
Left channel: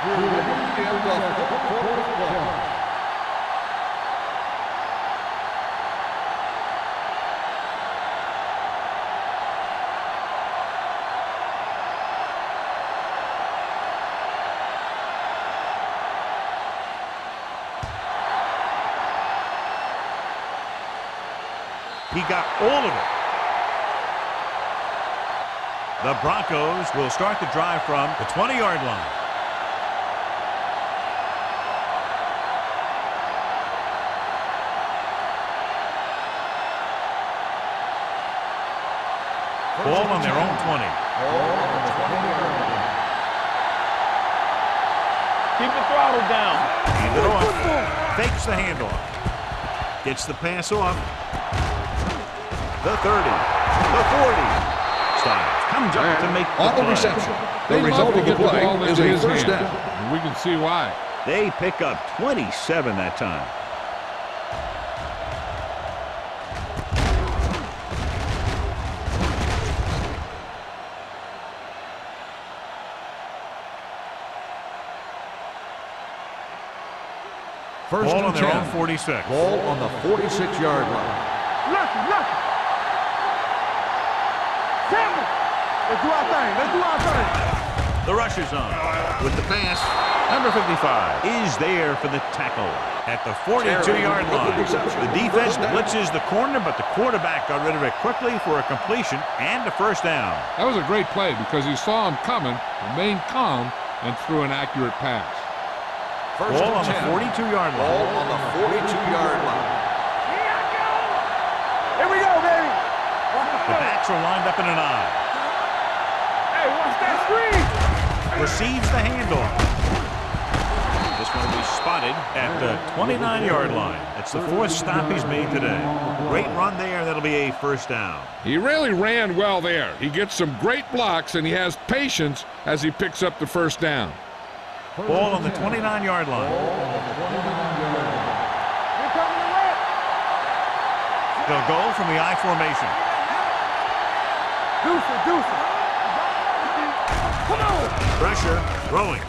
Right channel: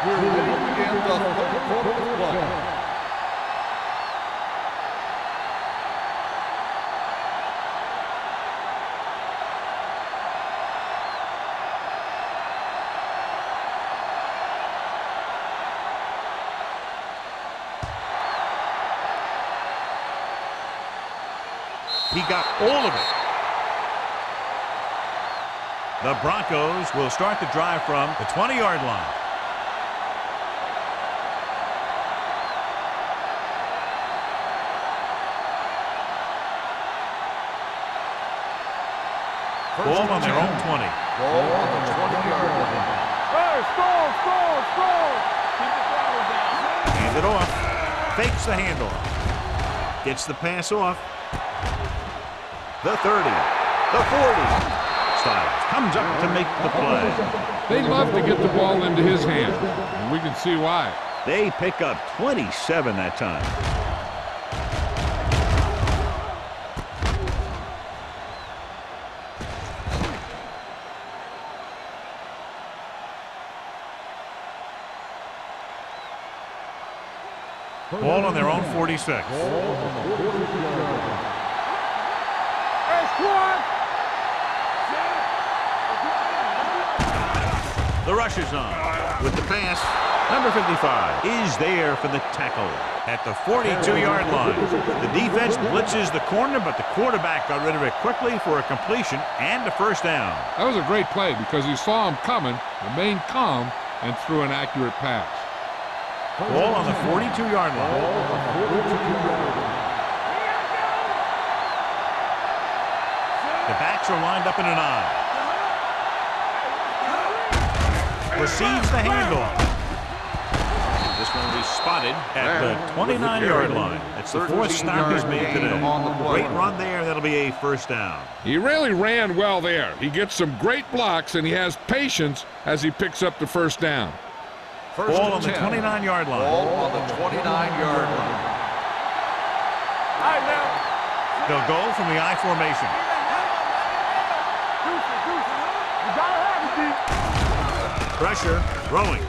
We're ready to begin the third quarter of play. He got all of it. The Broncos will start the drive from the 20-yard line. Ball on their own 20. Ball on the 20-yard line. Hey, score. Keep the throttle down. Hand it off. Fakes the handoff. Gets the pass off. The 30. The 40. Styles comes up to make the play. They love to get the ball into his hands, and we can see why. They pick up 27 that time. Ball on their own 46. Ball on the 46-yard line. Lucky. Hey, squad. 7. Let's do our thing. Let's do our thing. The rush is on. With the pass, number 55 is there for the tackle at the 42-yard line. The defense blitzes the corner, but the quarterback got rid of it quickly for a completion and a first down. That was a great play because he saw him coming, remained calm, and threw an accurate pass. Ball on the 42-yard line. Ball on the 42-yard line. Here I go. Here we go, baby. The backs are lined up in an I. Receives the handoff. This one will be spotted at the 29-yard line. It's the fourth stop he's made today. Great run there. That'll be a first down. He really ran well there. He gets some great blocks, and he has patience as he picks up the first down. Ball on the 29-yard line. Ball on the 29-yard line. They'll go from the I formation. Deuce it. You gotta have it, D. Come on. Pressure, throwing.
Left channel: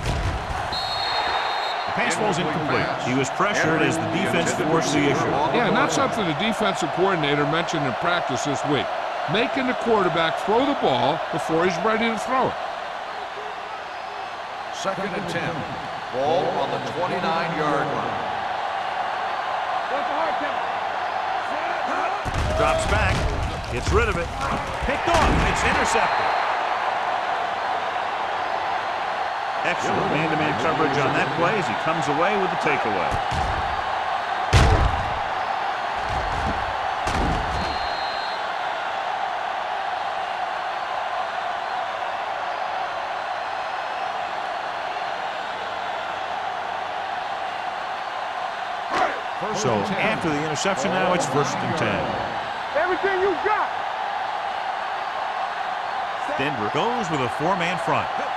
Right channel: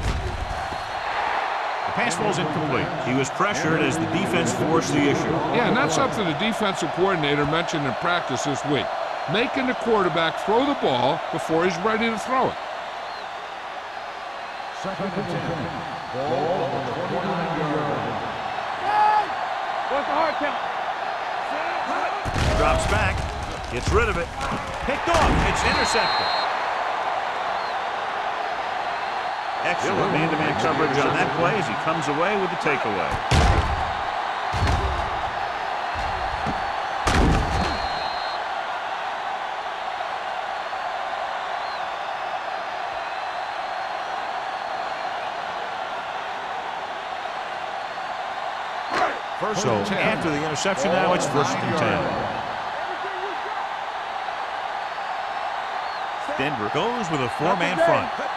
The pass falls incomplete. He was pressured as the defense forced the issue. Yeah, and that's something the defensive coordinator mentioned in practice this week. Making the quarterback throw the ball before he's ready to throw it. 2nd and 10. Ball on the 29-yard line. What's the hard count? Drops back, gets rid of it. Picked off, it's intercepted. Excellent man-to-man coverage on that play as he comes away with the takeaway. So after the interception now, it's 1st and 10. Everything you got. Denver goes with a four-man front. Let's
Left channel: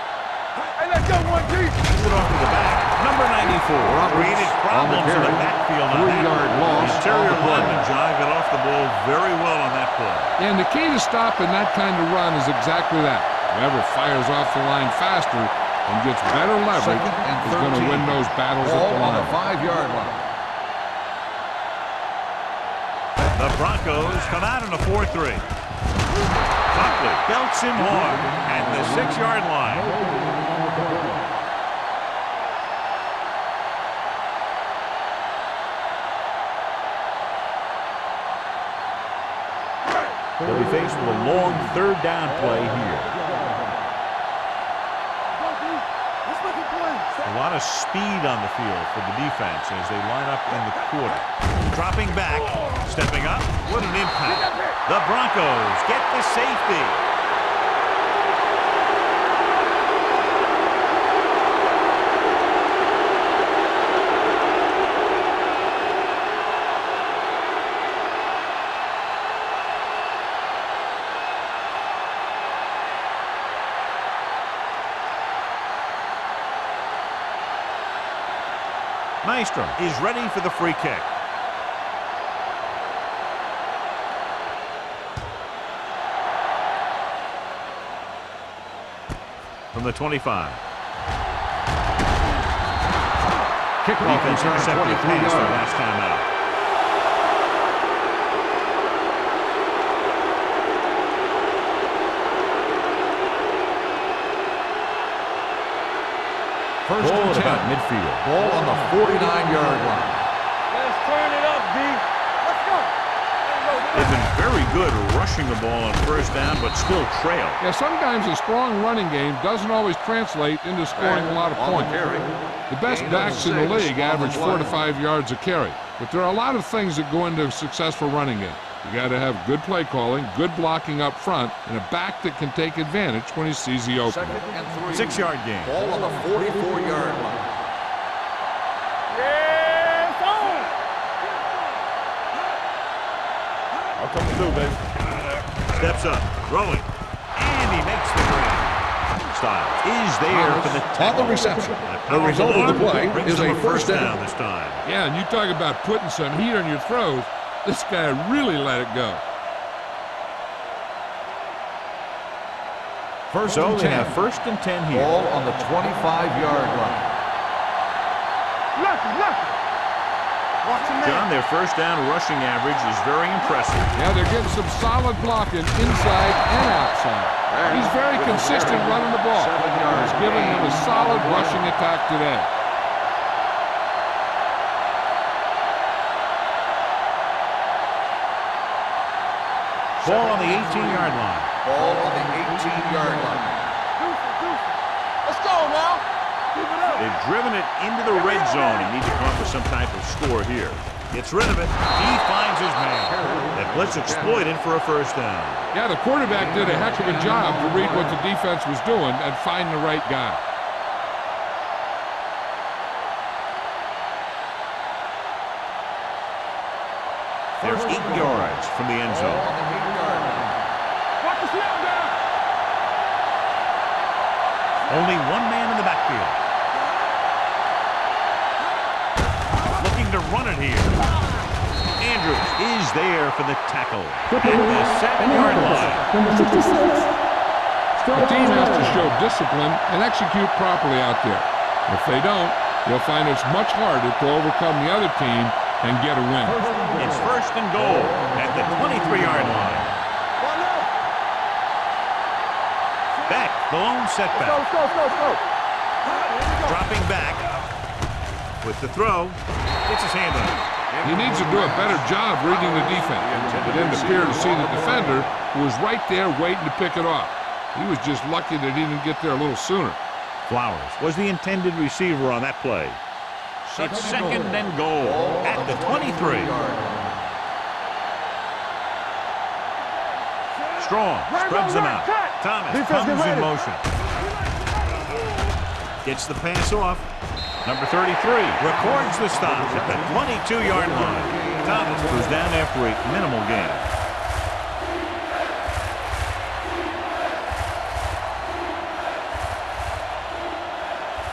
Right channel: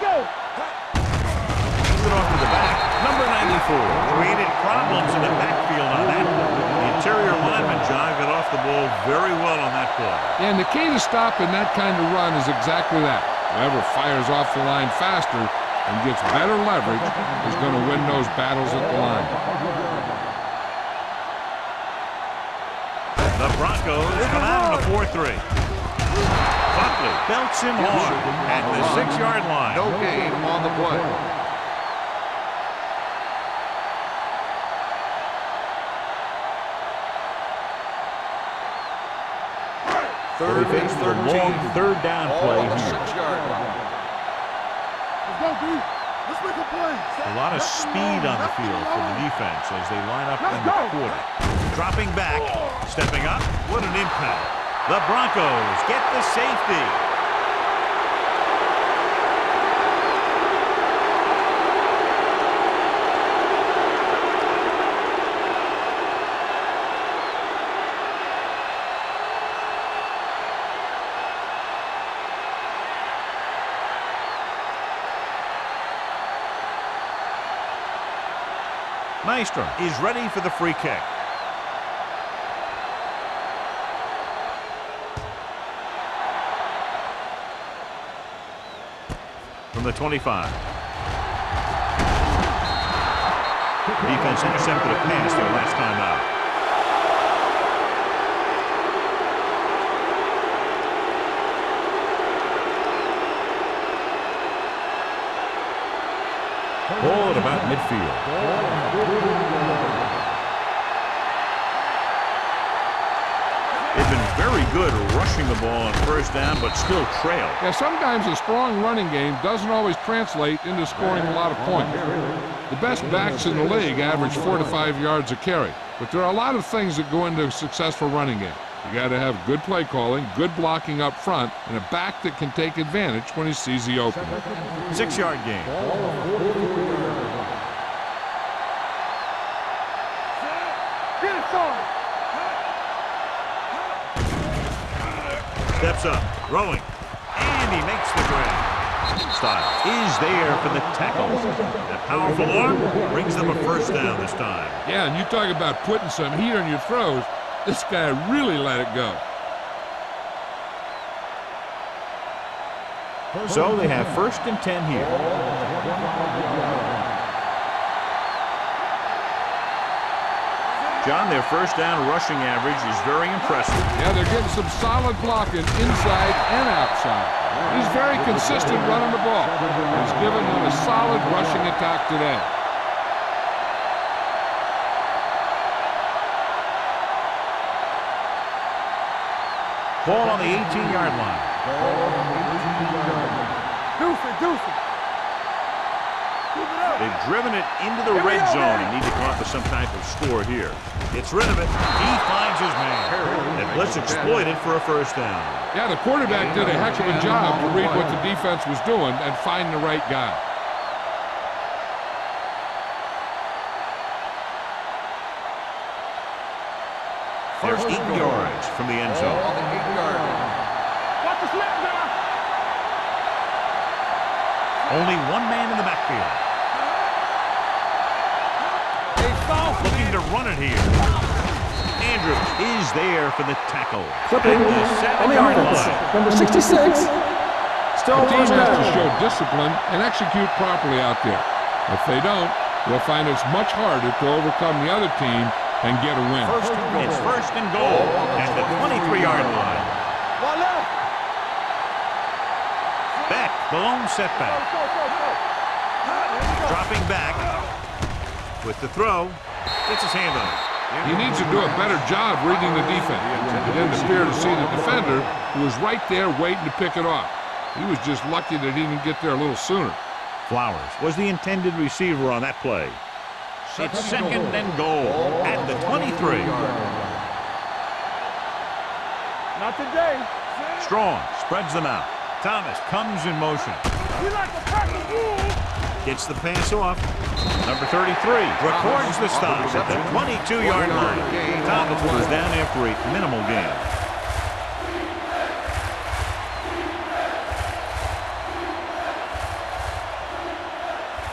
go. Hey, let's go, boy. Hands it off to the back. Number 94 created problems in the backfield on that. The interior lineman, John, got off the ball very well on that play. And the key to stopping that kind of run is exactly that. Whoever fires off the line faster and gets better leverage is going to win those battles at the line. 5-yard line. The Broncos come out on a 4-3. Buckley belts him hard at the 6-yard line. No gain on the play. They'll be faced with a long 3rd down play here. Let's go, D. Let's make a play. A lot of speed on the field for the defense as they line up in the quarter. Dropping back, stepping up. What an impact. The Broncos get the safety. Maestro is ready for the free kick. From the 25. Defense intercepted a pass their last time out. Ball at about midfield. Ball on the 49-yard line. Let's turn it up, D. Let's go. They've been very good rushing the ball on 1st down, but still trail. Yeah, sometimes a strong running game doesn't always translate into scoring a lot of points. The best backs in the league average 4 to 5 yards a carry, but there are a lot of things that go into a successful running game. You got to have good play calling, good blocking up front, and a back that can take advantage when he sees the opening. 6-yard gain. Ball on the 44-yard line. Yeah, it's on. Get it started. Steps up, throwing, and he makes the grab. Styles is there for the tackle. That powerful arm brings them a 1st down this time. Yeah, and you talk about putting some heat on your throws. This guy really let it go. So they have 1st and 10 here. Ball on the 25-yard line. John, their 1st down rushing average is very impressive. Yeah, they're getting some solid blocking inside and outside. He's very consistent running the ball. He's giving them a solid rushing attack today. Ball on the 18-yard line. Ball on the 18-yard line. Deuce it. Let's go now. Keep it up. They've driven it into the red zone and need to come up with some type of score here. Gets rid of it. He finds his man. That blitz exploited for a 1st down. Yeah, the quarterback did a heck of a job to read what the defense was doing and find the right guy. They're 8 yards from the end zone. Ball on the 8-yard line. Watch the snap down. Only one man in the backfield. Looking to run it here. Andrews is there for the tackle at the 7-yard line. Number 66. The team has to show discipline and execute properly out there. If they don't, they'll find it's much harder to overcome the other team and get a win. It's 1st and goal at the 23-yard line. One left. Beck, the lone setback. Let's go. Dropping back with the throw. Gets his hand on it. He needs to do a better job reading the defense. He didn't appear to see the defender, who was right there waiting to pick it off. He was just lucky that he didn't get there a little sooner. Flowers was the intended receiver on that play. It's 2nd and goal at the 23. Not today. Strong spreads them out. Thomas comes in motion. Gets the pass off. Number 33 records the stop at the 22-yard line. Thomas was down after a minimal gain.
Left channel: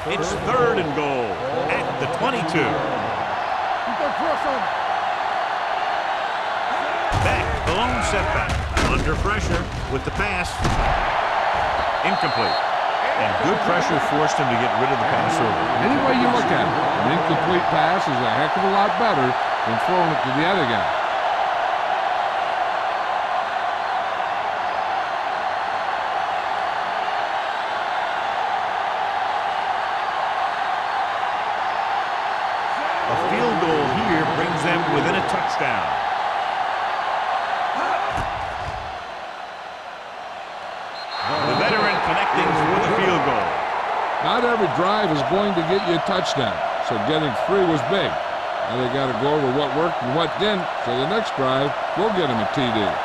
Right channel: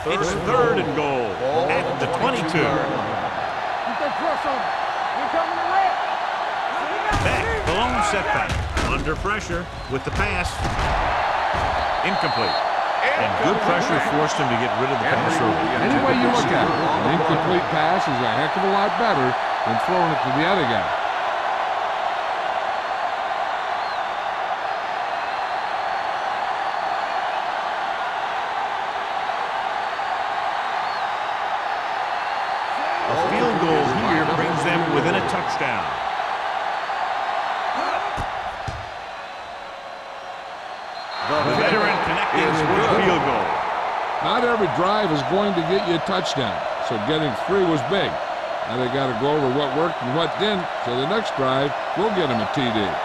It's third and goal at the 22. Keep that pressure on him. Back, the lone setback. Under pressure with the pass. Incomplete. And good pressure forced him to get rid of the pass early. Any way you look at it, an incomplete pass is a heck of a lot better than throwing it to the other guy. A field goal here brings them within a touchdown. The veteran connecting for the field goal. Not every drive is going to get you a touchdown, so getting 3 was big. Now they got to go over what worked and what didn't, so the next drive will get him a TD.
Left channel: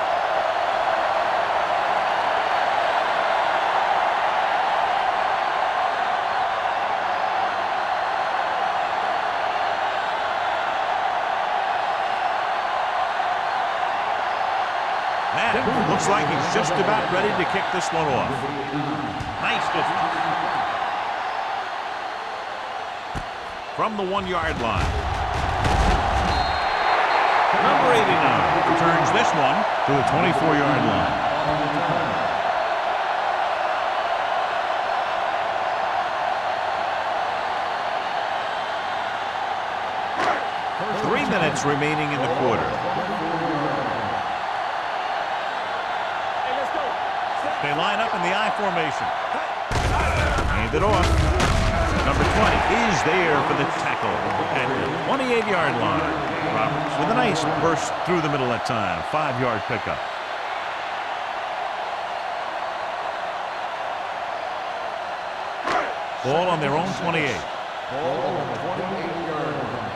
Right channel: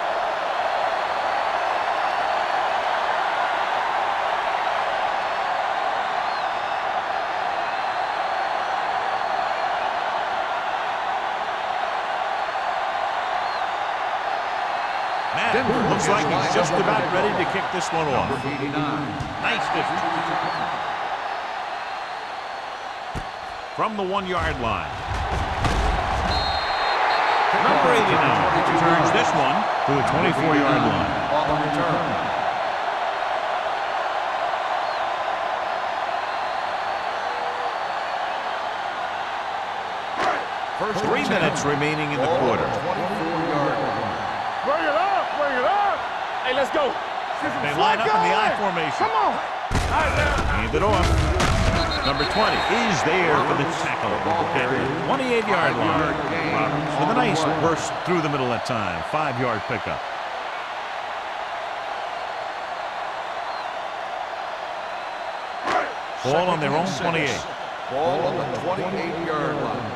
Matt looks like he's just about ready to kick this one off. Nice distance. From the 1-yard line. Number 89 returns this one to the 24-yard line. On the return. First 3 minutes remaining in the quarter. 24-yard line. Bring it up, bring it up. Hey, let's go. They line up in the I formation. Come on. Hand it off. Number 20 is there for the tackle at the 28-yard line. Roberts with a nice burst through the middle that time. 5-yard pickup. Ball on their own 28. Ball on the 28-yard line.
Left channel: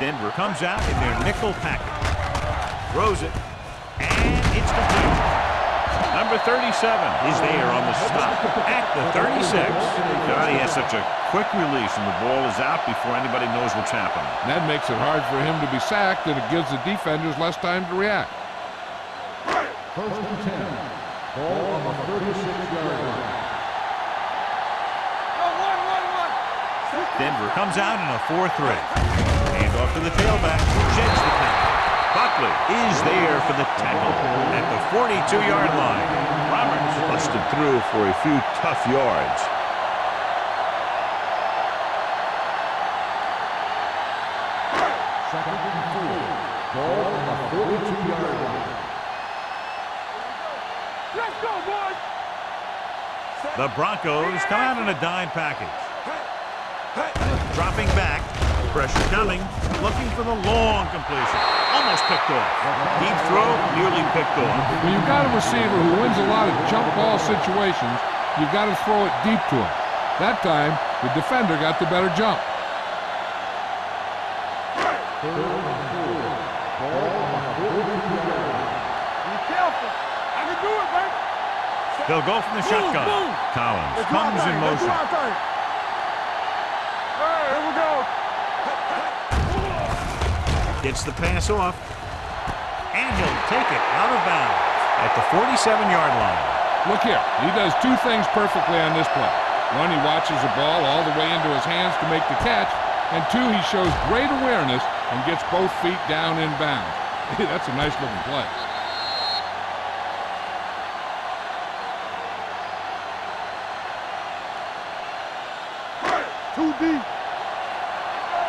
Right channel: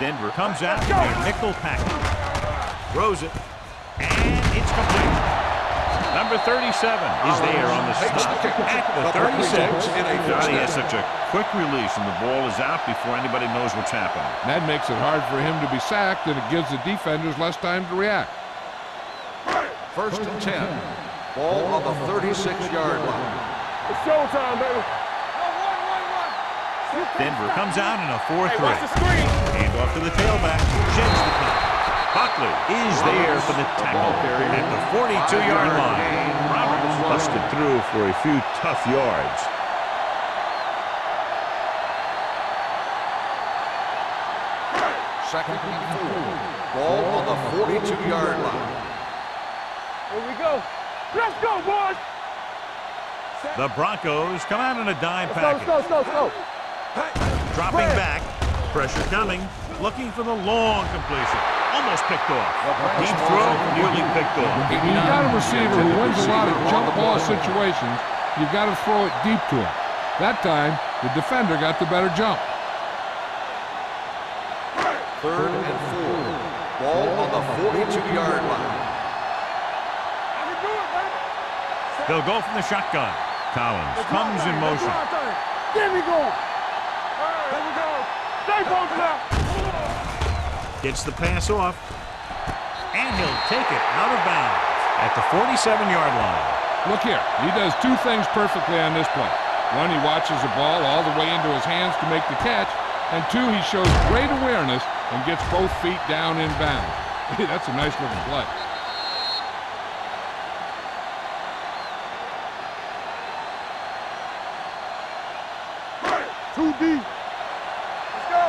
Denver comes out in their nickel package. Throws it. And it's complete. Number 37 is there on the stop at the 36. God, he has such a quick release, and the ball is out before anybody knows what's happening. That makes it hard for him to be sacked, and it gives the defenders less time to react. First and 10. Ball on the 36-yard line. It's showtime, baby. No, one. Denver comes out in a 4-3. Hand off to the tailback. Sheds the pass. Buckley is there for the tackle at the 42-yard line. Roberts busted through for a few tough yards. Second and 4. Ball on the 42-yard line. Here we go. Let's go, boys. The Broncos come out in a dime package. Go. Dropping back. Pressure coming. Looking for the long completion. Almost picked off. Deep throw, nearly picked off. When you've got a receiver who wins a lot of jump ball situations, you've got to throw it deep to him. That time, the defender got the better jump. Third and 4. Ball on the 42-yard line. Be careful. I can do it, baby. They'll go from the shotgun. Collins comes in motion. Give me going. All right, here we go. Stay focused up. Gets the pass off. And he'll take it out of bounds at the 47-yard line. Look here, he does 2 things perfectly on this play. 1, he watches the ball all the way into his hands to make the catch, and 2, he shows great awareness and gets both feet down in bounds. Hey, that's a nice looking play. Too deep. Let's go.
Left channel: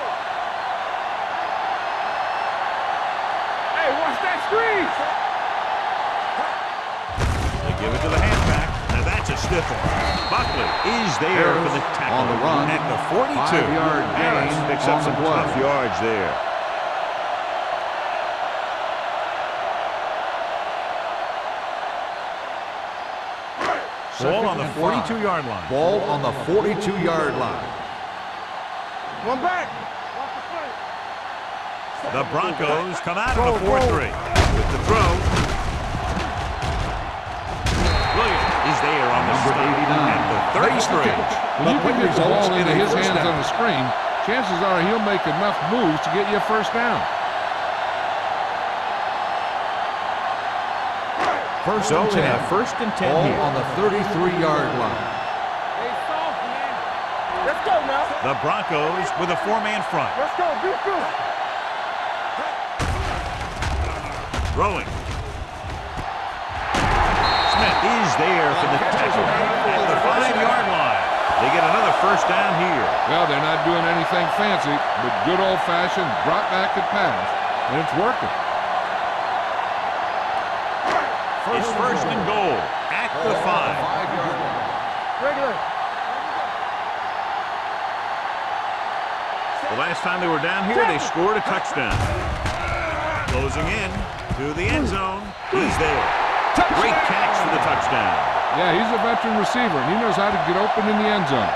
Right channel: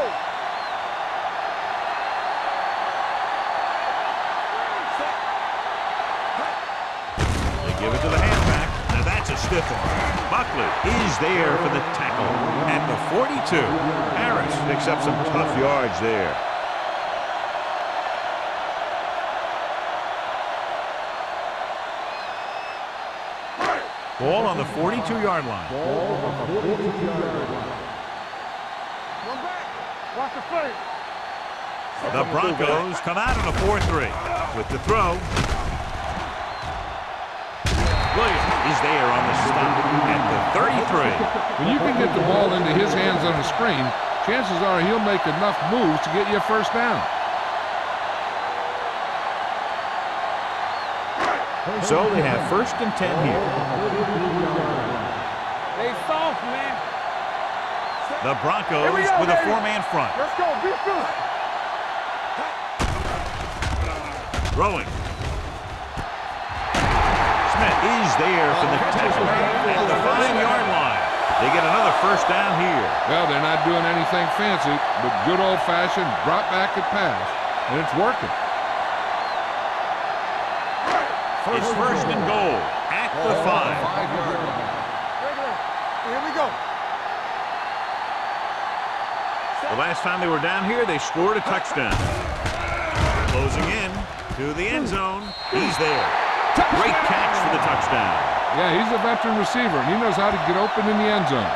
Hey, watch that screen. They give it to the halfback. Now that's a stiff one. Buckley is there for the tackle at the 42. Harris picks up some tough yards there. Ball on the 42-yard line. Ball on the 42-yard line. One back. Watch the play. The Broncos come out in a 4-3 with the throw. Williams is there on the stop at the 33. When you can get the ball into his hands on the screen, chances are he'll make enough moves to get you a first down. So they have first and 10 Ball here. on the 33-yard line. They soft, man. Let's go now. The Broncos with a four-man front. Let's go. Be true. Throwing. Smith is there for the tackle at the 5-yard line. They get another first down here. Well, they're not doing anything fancy, but good old-fashioned drop back and pass, and it's working. It's first and goal at the 5. 5-yard line. Regular. Here we go. The last time they were down here, they scored a touchdown. Closing in to the end zone. He's there. Great catch for the touchdown. Yeah, he's a veteran receiver, and he knows how to get open in the end zone.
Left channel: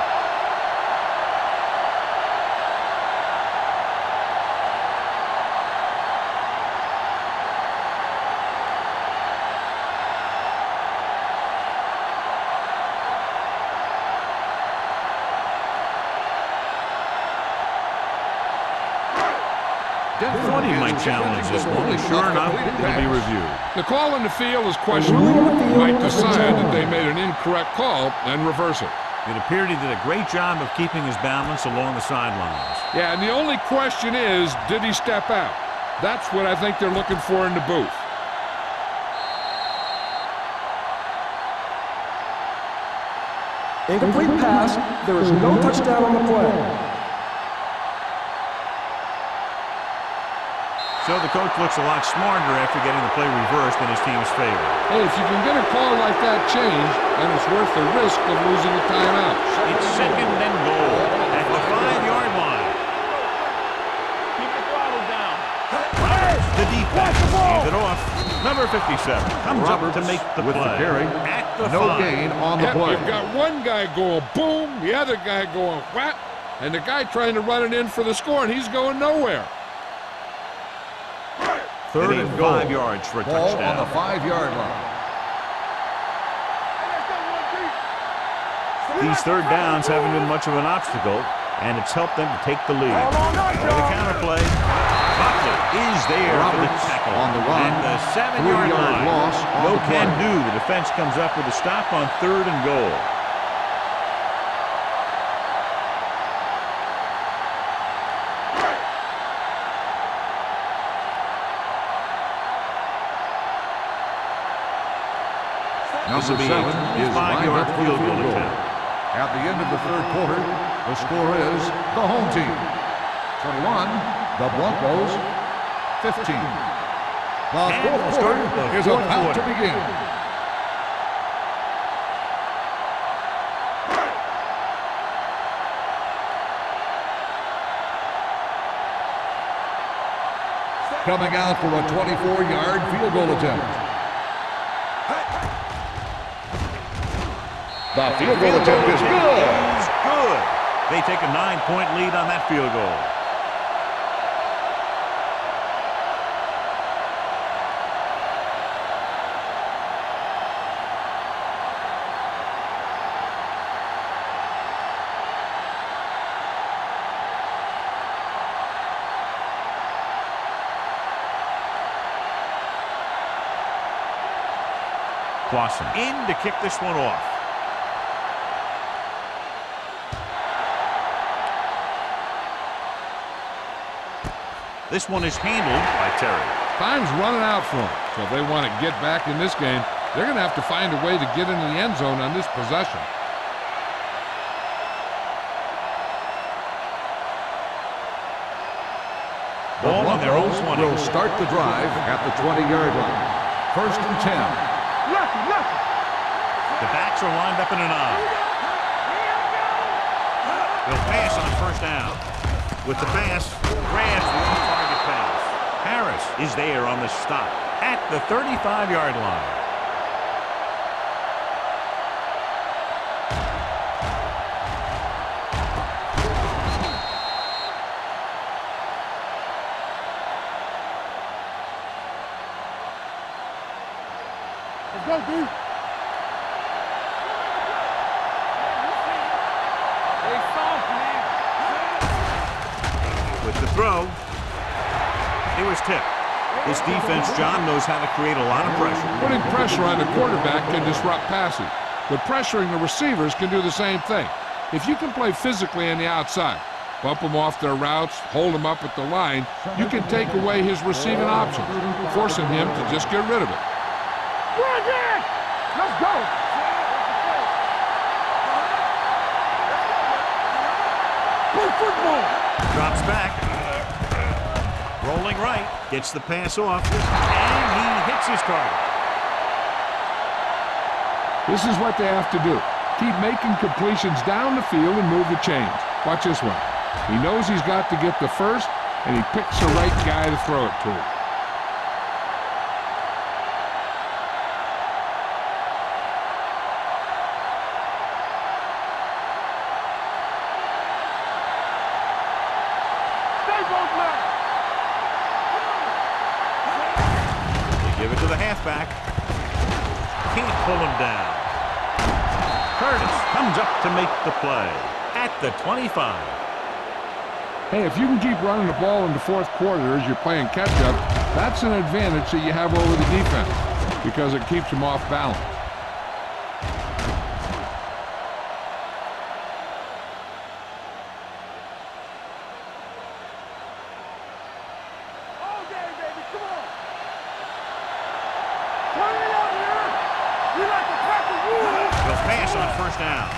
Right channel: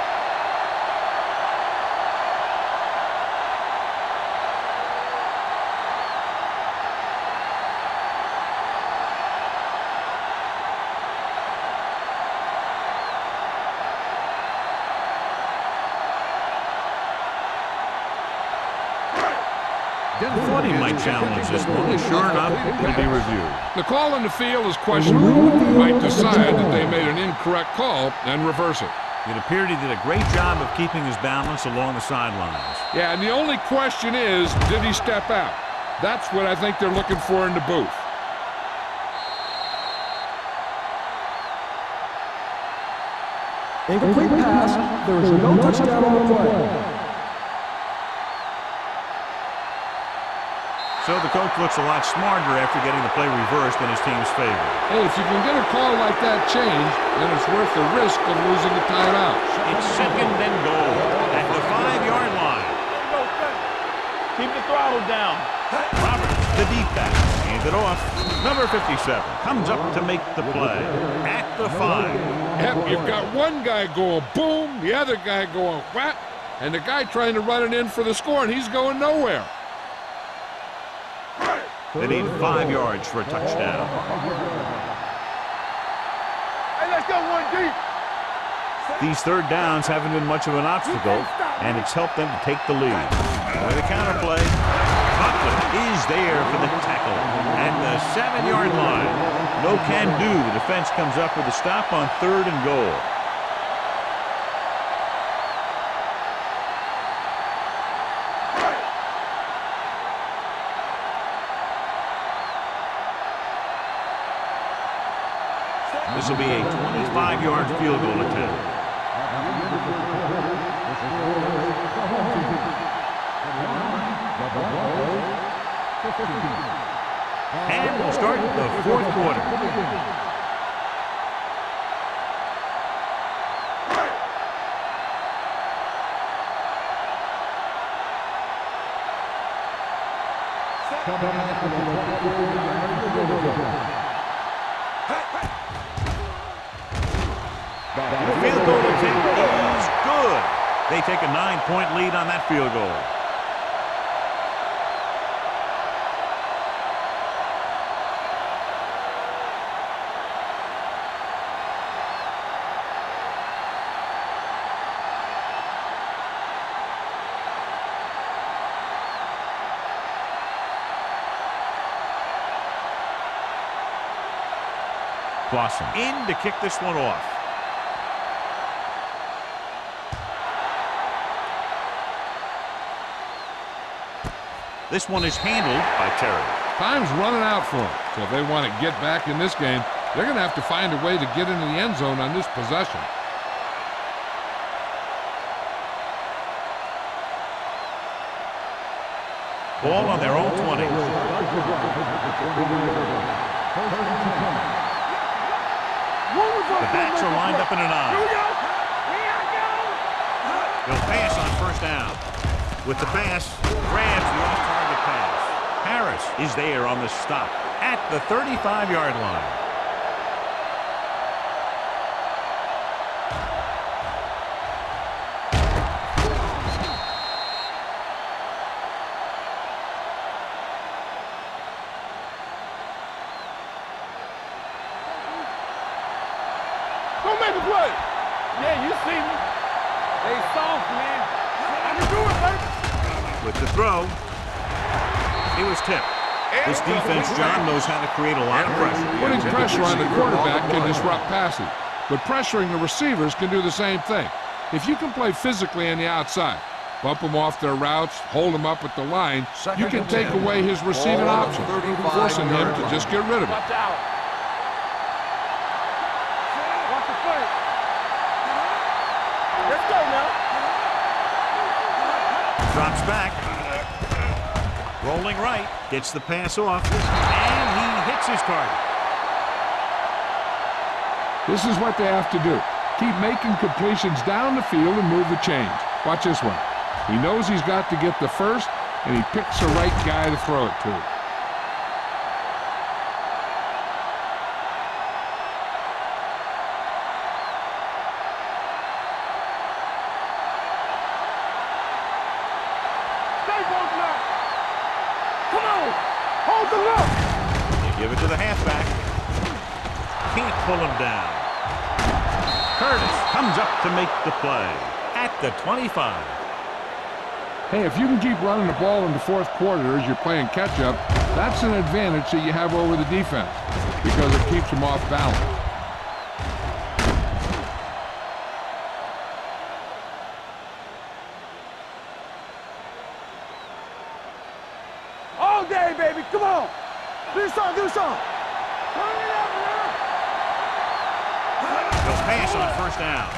I thought he might challenge this one, and sure enough, it'll be reviewed. The call on the field is questionable. He might decide that they made an incorrect call and reverse it. It appeared he did a great job of keeping his balance along the sidelines. Yeah, and the only question is, did he step out? That's what I think they're looking for in the booth. Incomplete pass. There is no touchdown on the play. So the coach looks a lot smarter after getting the play reversed in his team's favor. Hey, if you can get a call like that changed, then it's worth the risk of losing a timeout. It's second and goal at the 5-yard line. Keep the throttle down. Roberts, the deep pass, hands it off. Number 57 comes up to make the play at the 5. Gain on the Yep, play. you've got one guy going boom, the other guy going whap, and the guy trying to run it in for the score, and he's going nowhere. They need 5 yards for a Ball on touchdown. the 5-yard line. Hey, let's go one deep. These third downs haven't been much of an obstacle, and it's helped them to take the lead. For the counterplay, Buckland is there for the tackle at the 7-yard line. No can do. The defense comes up with a stop on 3rd and goal. This will be a 25-yard field goal attempt. At the end of the third quarter, the score is the home team 21, the Broncos 15. And we'll start the fourth quarter. Coming out for a 24-yard field goal attempt. The Field goal attempt is good. They take a 9-point lead on that field goal. Clausen in to kick this one off. This one is handled by Terry. Time's running out for them, so if they want to get back in this game, they're going to have to find a way to get into the end zone on this possession. Ball on their own 20. Will start the drive at the 20-yard line. First and 10. Lucky. The backs are lined up in an Here eye. we go. Here I go. They'll pass on first down. With the pass, grabs the off-target pass. Harris is there on the stop at the 35-yard line. Let's go, dude. Go make a play. Yeah, you see me. They soft, man. With the throw, he was tipped. This defense, John, knows how to create a lot of pressure. Putting pressure on the quarterback can disrupt passing, but pressuring the receivers can do the same thing. If you can play physically on the outside, bump them off their routes, hold them up at the line, you can take away his receiving options, forcing him to just get rid of it. Let's go. Watch the play. Let's go now. Drops back. Rolling right. Gets the pass off. And he hits his target. This is what they have to do. Keep making completions down the field and move the chains. Watch this one. He knows he's got to get the first, and he picks the right guy to throw it to. Stay both now. Come on. Hold the left. They give it to the halfback. Can't pull him down. Curtis comes up to make the play at the 25. Hey, if you can keep running the ball in the fourth quarter as you're playing catch-up, that's an advantage that you have over the defense because it keeps them off balance. All day, baby. Come on. Do something. Turn it up now. You're not the practice. They'll pass on first down.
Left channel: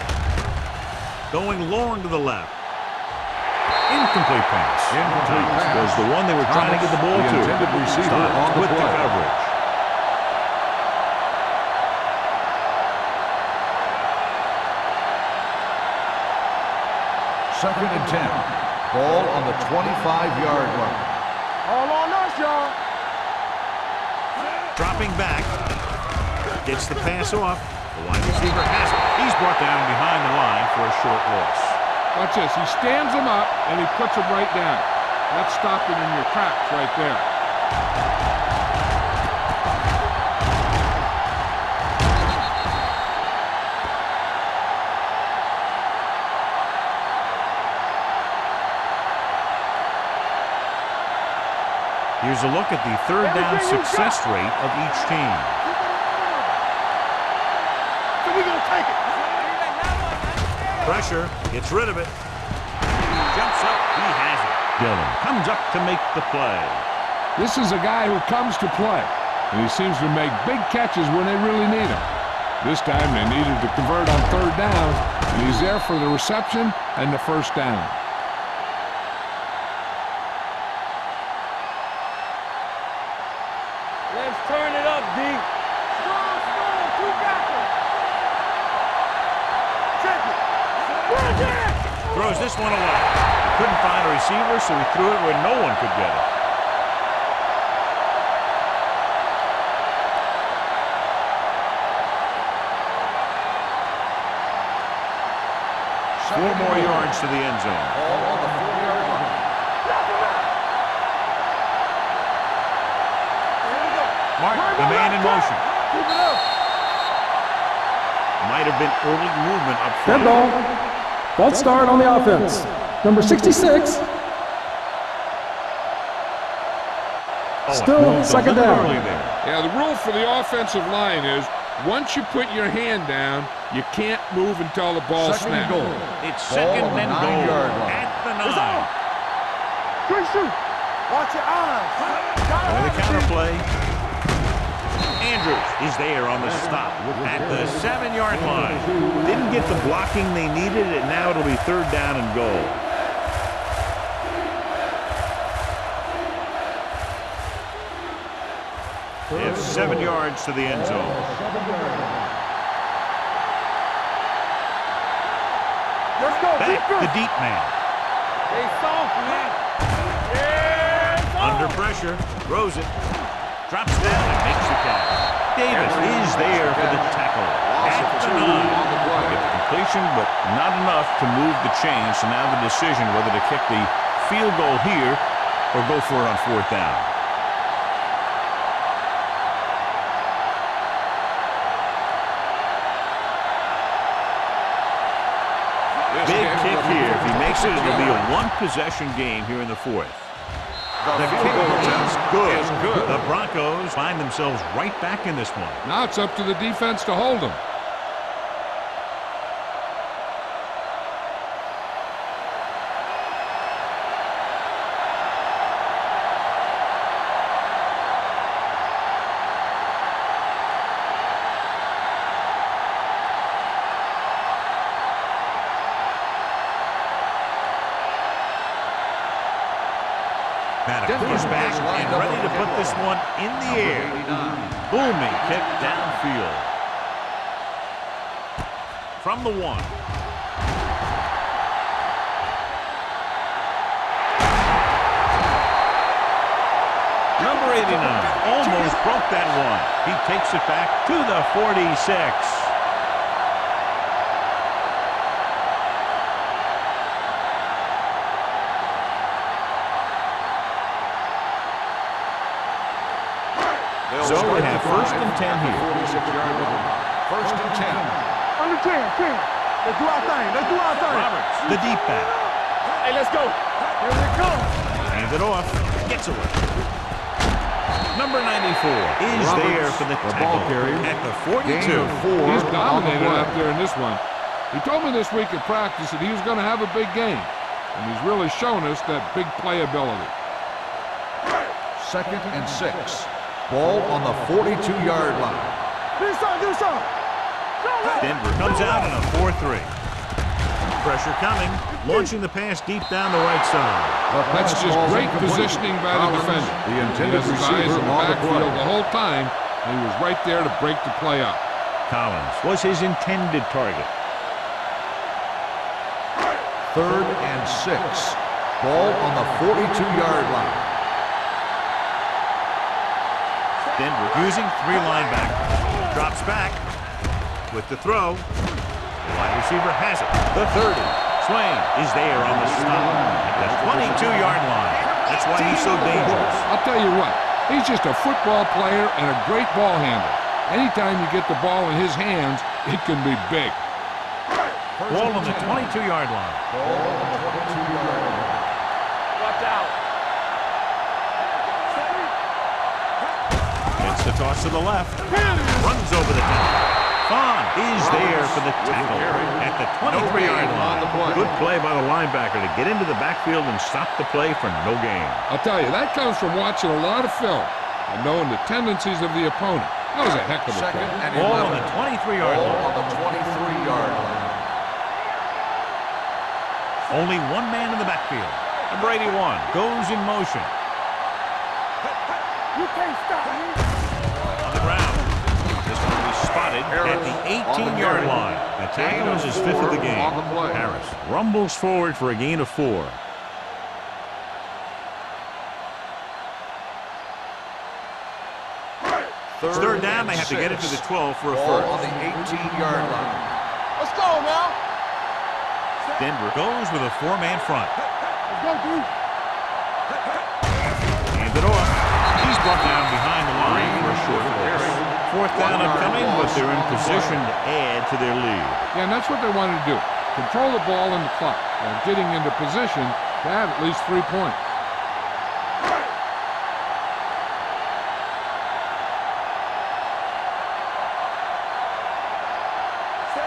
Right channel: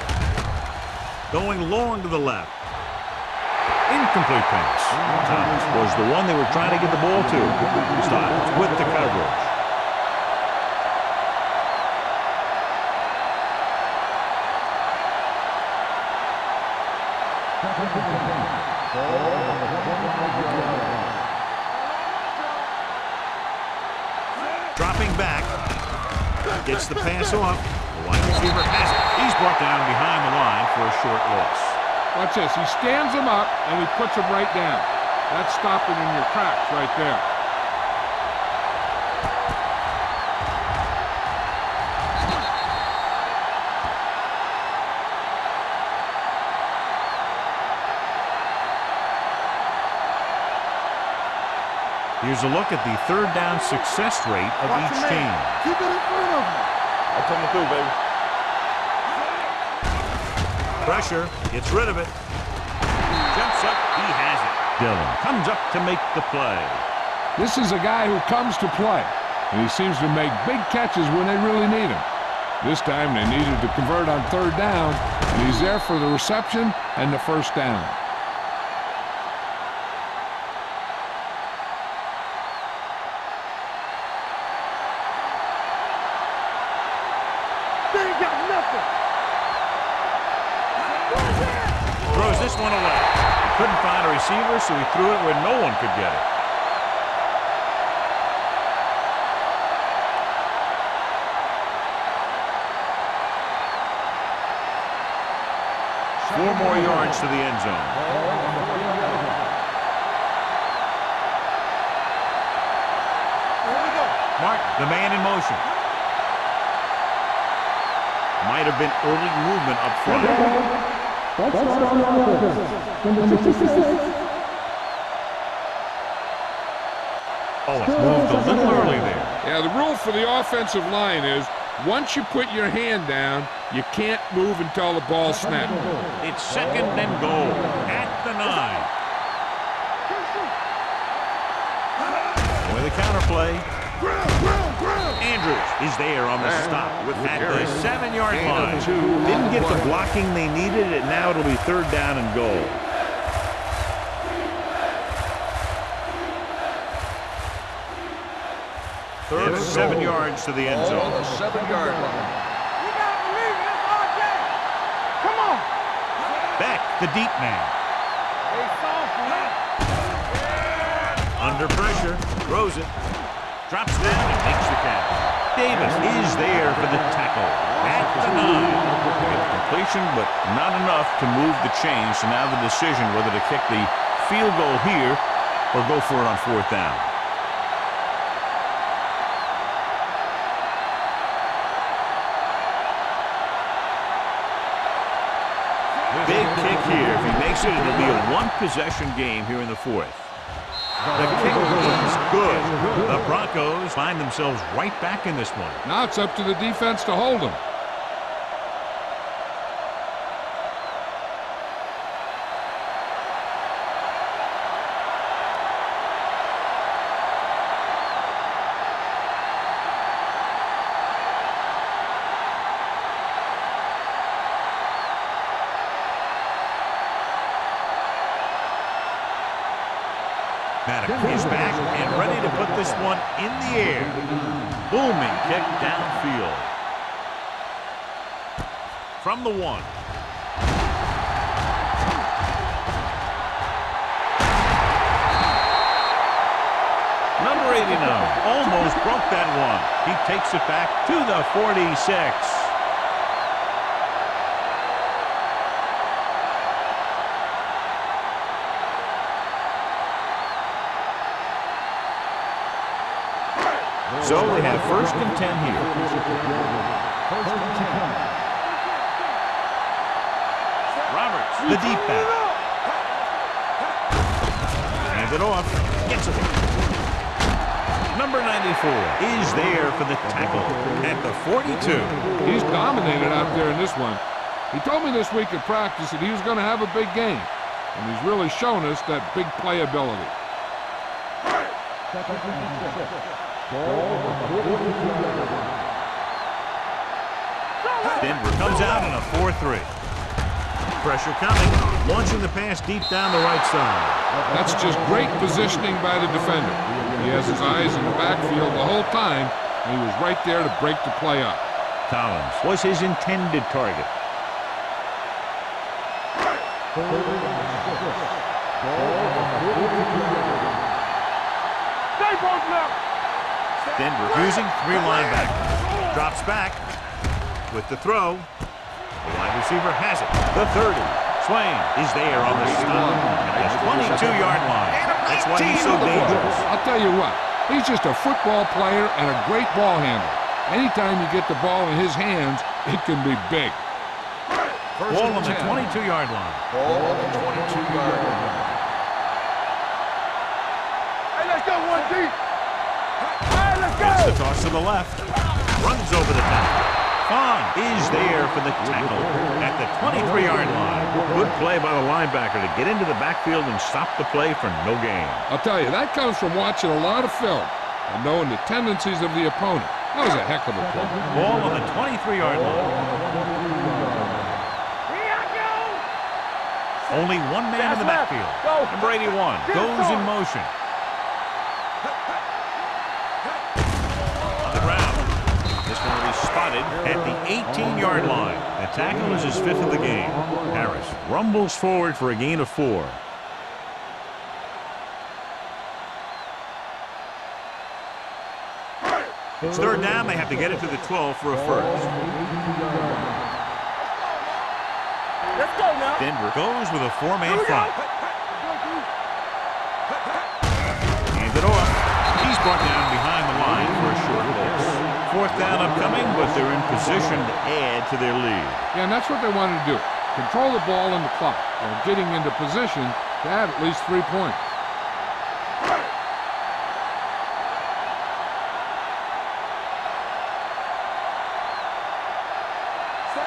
Going long to the left. Incomplete pass. Thomas was the one they were trying to get the ball to. Styles with the coverage. Second and 10. Ball on the 25-yard line. All on us, y'all. Dropping back. Gets the pass off. The wide receiver has it. He's brought down behind the line for a short loss. Watch this. He stands them up, and he puts them right down. That's stopping in your tracks right there. Here's a look at the third down success rate of each team. Keep it in front of him. I'm coming through, baby. So we're going to take it. Pressure, gets rid of it. Jumps up, he has it. Dillon comes up to make the play. This is a guy who comes to play, and he seems to make big catches when they really need him. This time they needed to convert on third down, and he's there for the reception and the first down. Let's turn it up, D. They ain't got nothing. Check it. Throws this one away. He couldn't find a receiver, so he threw it where no one could get it. Four more yards to the end zone. Ball on the 4-yard line. Here we go. Mark, the man in motion. Might have been early movement up Red front. ball. False start on the offense. Number 66. Oh, it Still moved a second little down. early there. Yeah, the rule for the offensive line is once you put your hand down, you can't move until the ball Second and snaps. goal. It's second and goal at the 9. Quick shoot. Watch your eyes. With a counterplay. Andrews is there on the stop at the 7-yard line. Didn't get the blocking they needed, and now it'll be third down and goal. They have 7 yards to the end zone. 7-yard line. Come on. Let's go. Back the deep man. They soft, man. Under pressure, throws it, drops down and makes the catch. Davis is there for the tackle at the 9. They get the completion, but not enough to move the chains. So now the decision whether to kick the field goal here or go for it on fourth down. Big kick here. If he makes it, it'll be a one-possession game here in the fourth. The kick is good. The Broncos find themselves right back in this one. Now it's up to the defense to hold them. Maddox is back and ready to put this one in the air. Booming kick downfield. From the 1. Number 89 almost broke that one. He takes it back to the 46. So we have 1st and 10 here. 1st and 10. Under 10. Let's do our thing. Roberts, the deep back. Hey, let's go. Hands it off. Gets away. Number 94 is there for the tackle at the 42. He's dominated out there in this one. He told me this week at practice that he was going to have a big game, and he's really shown us that big playability. 2nd and 6. Ball on the 42-yard line. Do something. Denver comes out in a 4-3. Pressure coming, launching the pass deep down the right side. That's just great positioning by the defender. He has his eyes in the backfield the whole time, and he was right there to break the play up. Collins was his intended target. 3rd and 6. Ball on the 42-yard line. Denver using 3 linebackers. Drops back with the throw. The wide receiver has it. The 30. Swain is there on the stop at the 22-yard line. That's why he's so dangerous. I'll tell you what, he's just a football player and a great ball handler. Anytime you get the ball in his hands, it can be big. Ball on the 22-yard line. Ball on the 22-yard line. Watch out. Hey, let's go, 1 deep. Gets the toss to the left. Runs over the top. Fawn is there for the tackle at the 23-yard line. Good play by the linebacker to get into the backfield and stop the play for no gain. I'll tell you, that comes from watching a lot of film and knowing the tendencies of the opponent. That was a heck of a play. Ball on the 23-yard line. On the 23-yard line. Only one man in the backfield. Number 81 goes in motion. You can't stop me. On the ground. This one will be spotted at the 18-yard line. The tackle is his 5th of the game. Harris rumbles forward for a gain of 4. It's 3rd down. They have to get it to the 12 for a first. On the 18-yard line. Let's go now. Denver goes with a 4-man front. Let's go, dude. Hands it off. He's brought down behind the line for a short loss. 4th down upcoming, but they're in position to add to their lead. Yeah, and that's what they wanted to do. Control the ball and the clock while getting into position to add at least 3 points.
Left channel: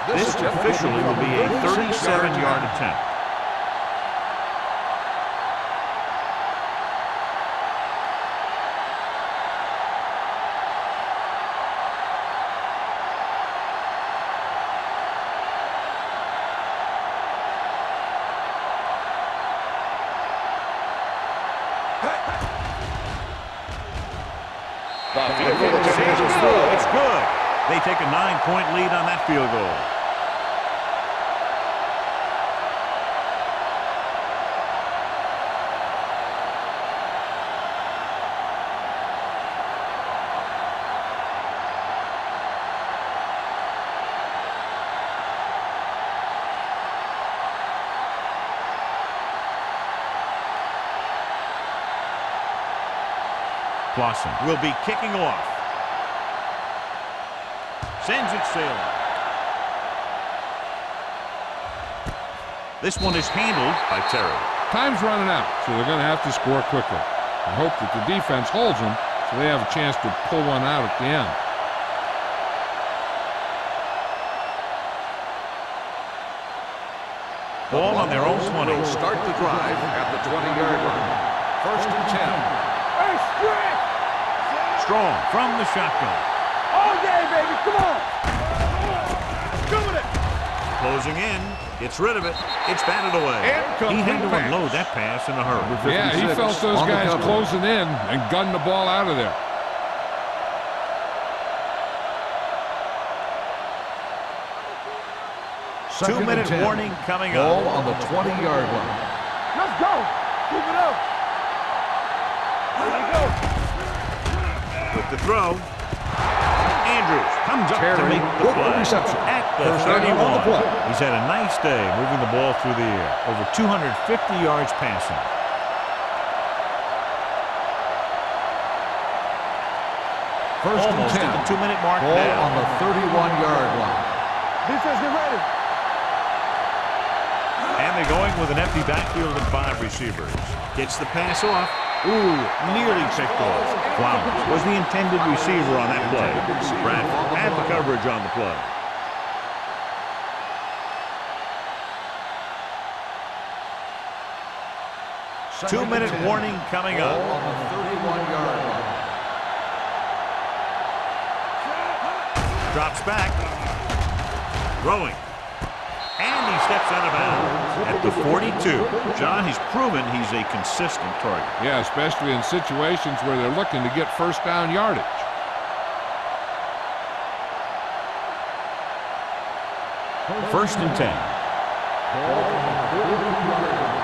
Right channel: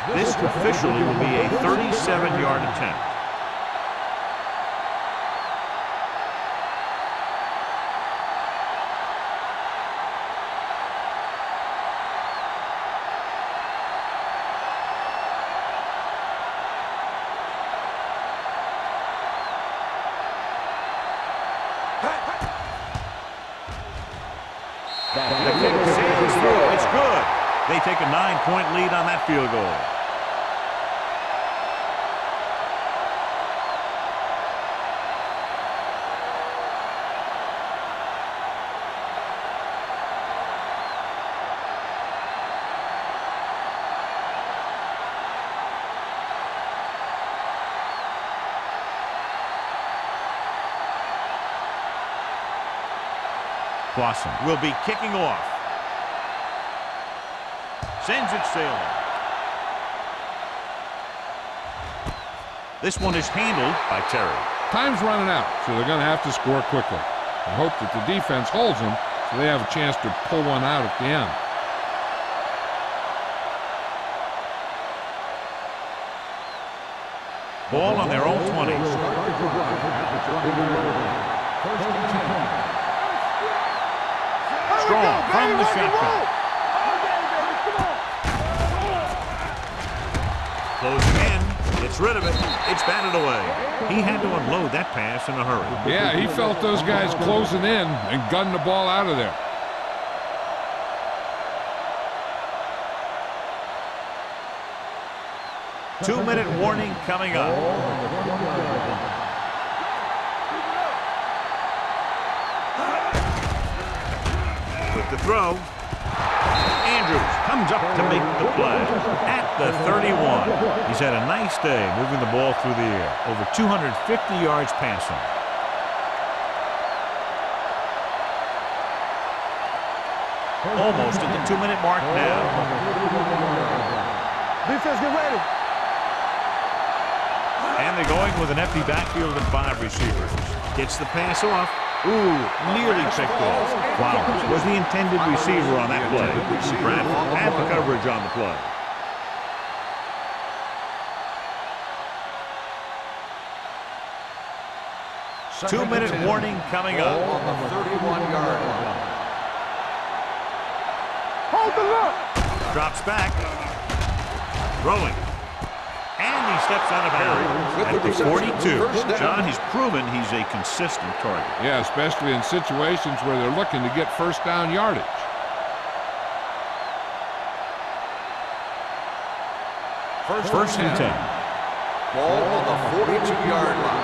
This officially will be a 37-yard attempt. The kick sails through. It's good. They take a 9-point lead on that field goal. Clausen will be kicking off. Sends it sailing. This one is handled by Terry. Time's running out, so they're going to have to score quickly. and hope that the defense holds them so they have a chance to pull one out at the end. Ball on their own 20. They'll start the drive at the 20-yard line. 1st and 10. Hey, stretch! Strong from the shotgun. All day, baby, come on! Closing in, gets rid of it. It's batted away. He had to unload that pass in a hurry. Yeah, he felt those guys closing in and gunned the ball out of there. Two-minute warning coming up. Ball on the 20-yard line. Let's go! Keep it up! With the throw, Andrews comes up to make the play at the 31. He's had a nice day moving the ball through the air. Over 250 yards passing. Almost at the 2-minute mark Ball now. on the 31-yard line. Defense, get ready! And they're going with an empty backfield and 5 receivers. Gets the pass off. Ooh, nearly picked off. Flowers was the intended receiver on that play. Bradford had the coverage on the play. Two-minute warning coming up. Ball on the 31-yard line. Drops back. Throwing. And he steps out of bounds at the 42. John, he's proven he's a consistent target. Yeah, especially in situations where they're looking to get first down yardage. First and 10. Ball on the 42-yard line.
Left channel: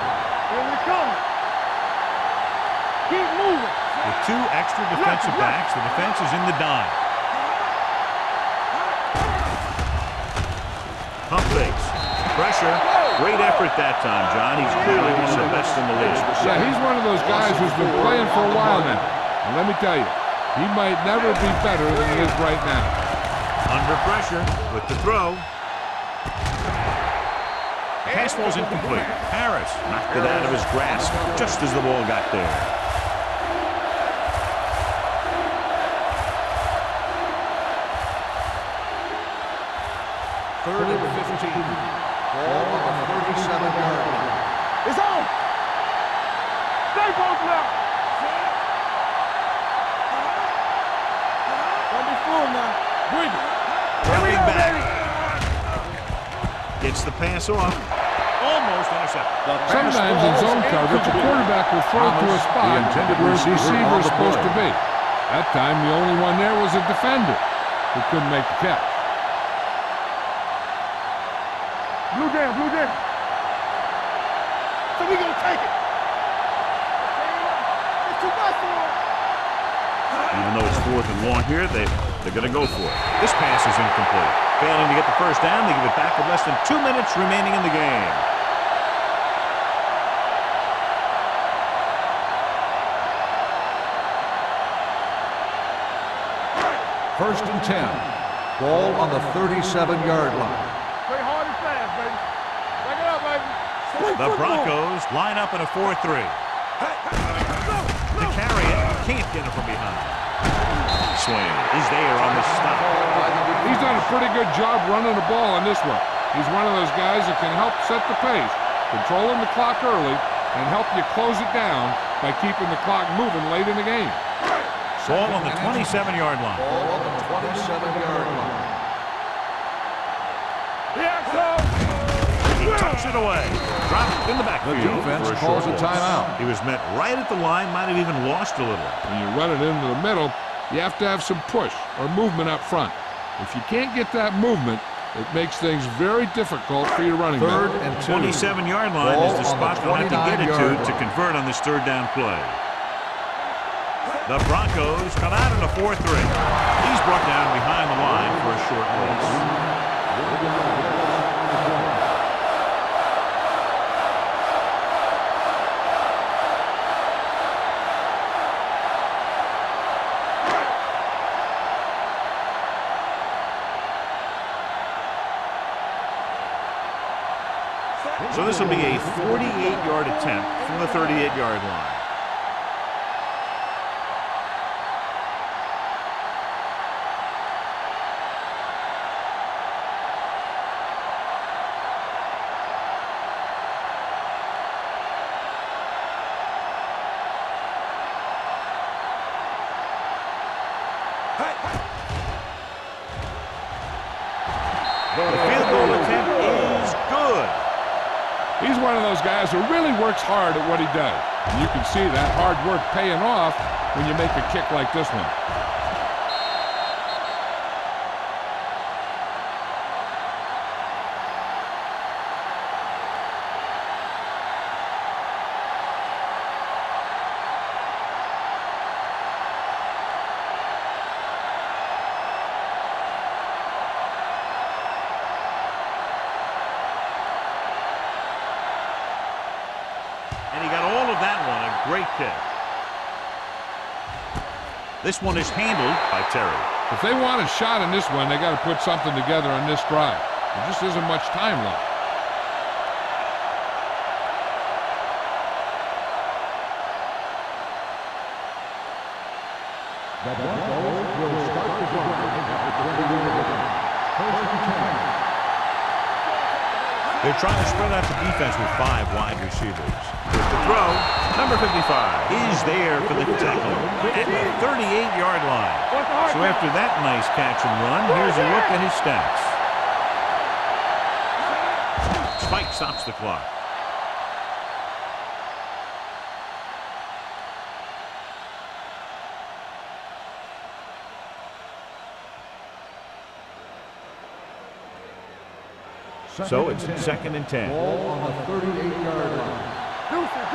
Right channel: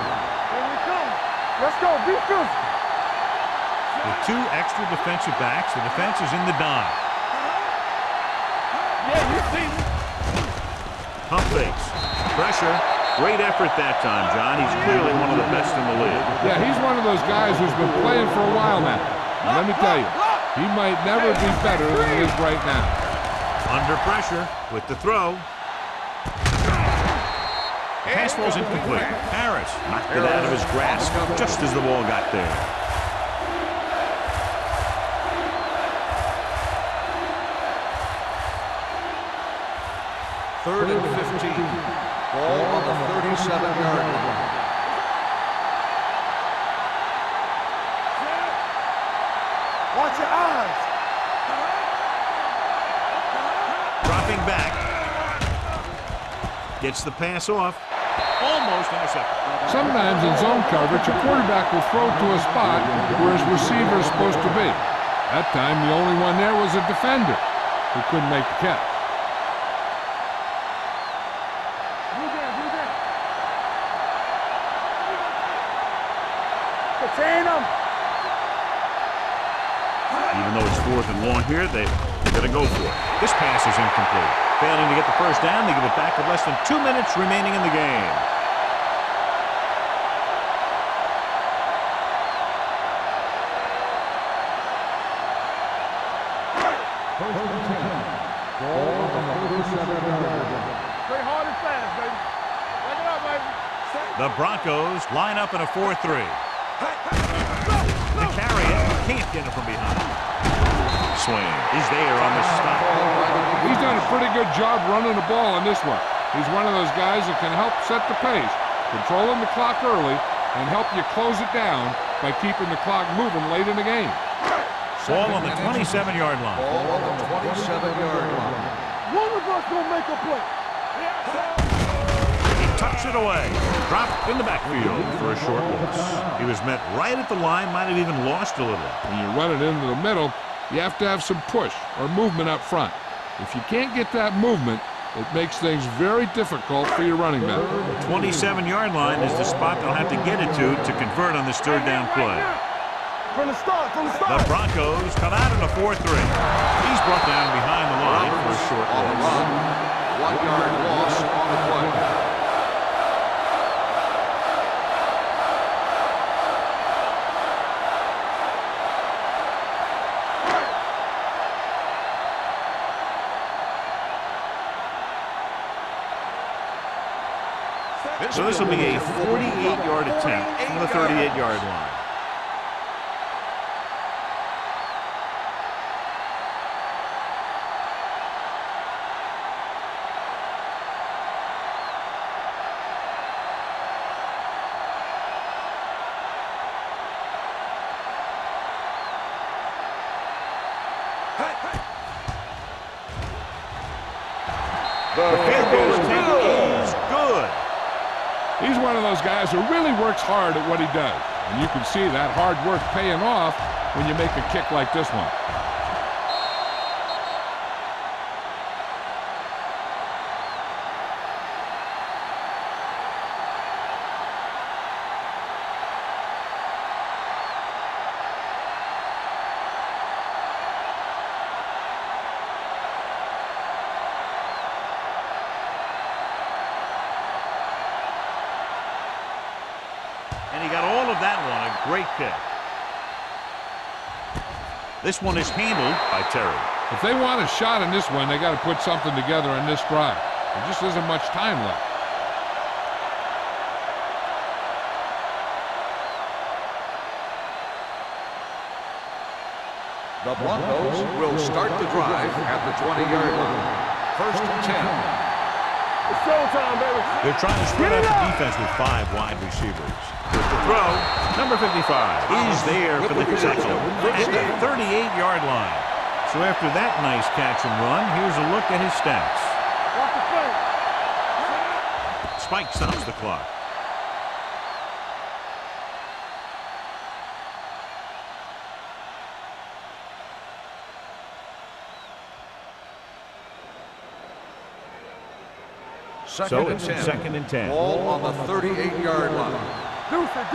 Here we come! Let's go, defense! Keep moving! With 2 extra defensive backs, the defense is in the dime. Pump fakes. Pressure. Great effort that time, John. He's clearly one of the best in the league. Yeah, he's one of those guys who's been playing for a while now. And let me tell you, he might never be better than he is right now. Under pressure with the throw. The pass ball's incomplete. Harris knocked it out of his grasp just as the ball got there. Third and 15. Ball on the 37-yard line. It's on! Stay broken up! Set! Watch your eyes! Don't be fooled now. Breathe. Dropping back. Gets the pass off. Almost intercepted. Sometimes in zone coverage, a quarterback will throw to a spot where his receiver is supposed to be. That time, the only one there was a defender who couldn't make the catch. Blue down, blue down. So we gonna take it. It's ain't up. It's too much for us. Even though it's 4th and long here, they're going to go for it. This pass is incomplete. Failing to get the first down, they give it back with less than 2 minutes remaining in the game. First and 10. Ball on the 37-yard line. Play hard and fast, baby. Back it up, baby. The Broncos line up in a 4-3. To carry it, can't get it from behind. Swing. He's there on the stop. He's done a pretty good job running the ball on this one. He's one of those guys that can help set the pace, controlling the clock early, and help you close it down by keeping the clock moving late in the game. Ball on the 27-yard line. Ball on the 27-yard line. One of us gonna make a play. Yeah, so. He tucks it away. Dropped in the backfield for a short loss. He was met right at the line, might have even lost a little. When you run it into the middle, you have to have some push or movement up front. If you can't get that movement, it makes things very difficult for your running back. 27-yard line is the spot they'll have to get it to convert on this 3rd down play. From the start, The Broncos come out in a 4-3. He's brought down behind the line for a short loss. So this will be a 48-yard attempt from the 38-yard line. The field goal attempt is good. He's one of those guys who really works hard at what he does. And you can see that hard work paying off when you make a kick like this one. And he got all of that one. A great kick. This one is handled by Terry. If they want a shot in this one, they got to put something together on this drive. There just isn't much time left. The Broncos will start the drive at the 20-yard line. First and 10. They're trying to spread out the defense with 5 wide receivers. With the throw, number 55 is there for the tackle at the 38-yard line. So after that nice catch and run, here's a look at his stats. Spike stops the clock. So it's 2nd and 10. Ball on the 38-yard line. Deuce it.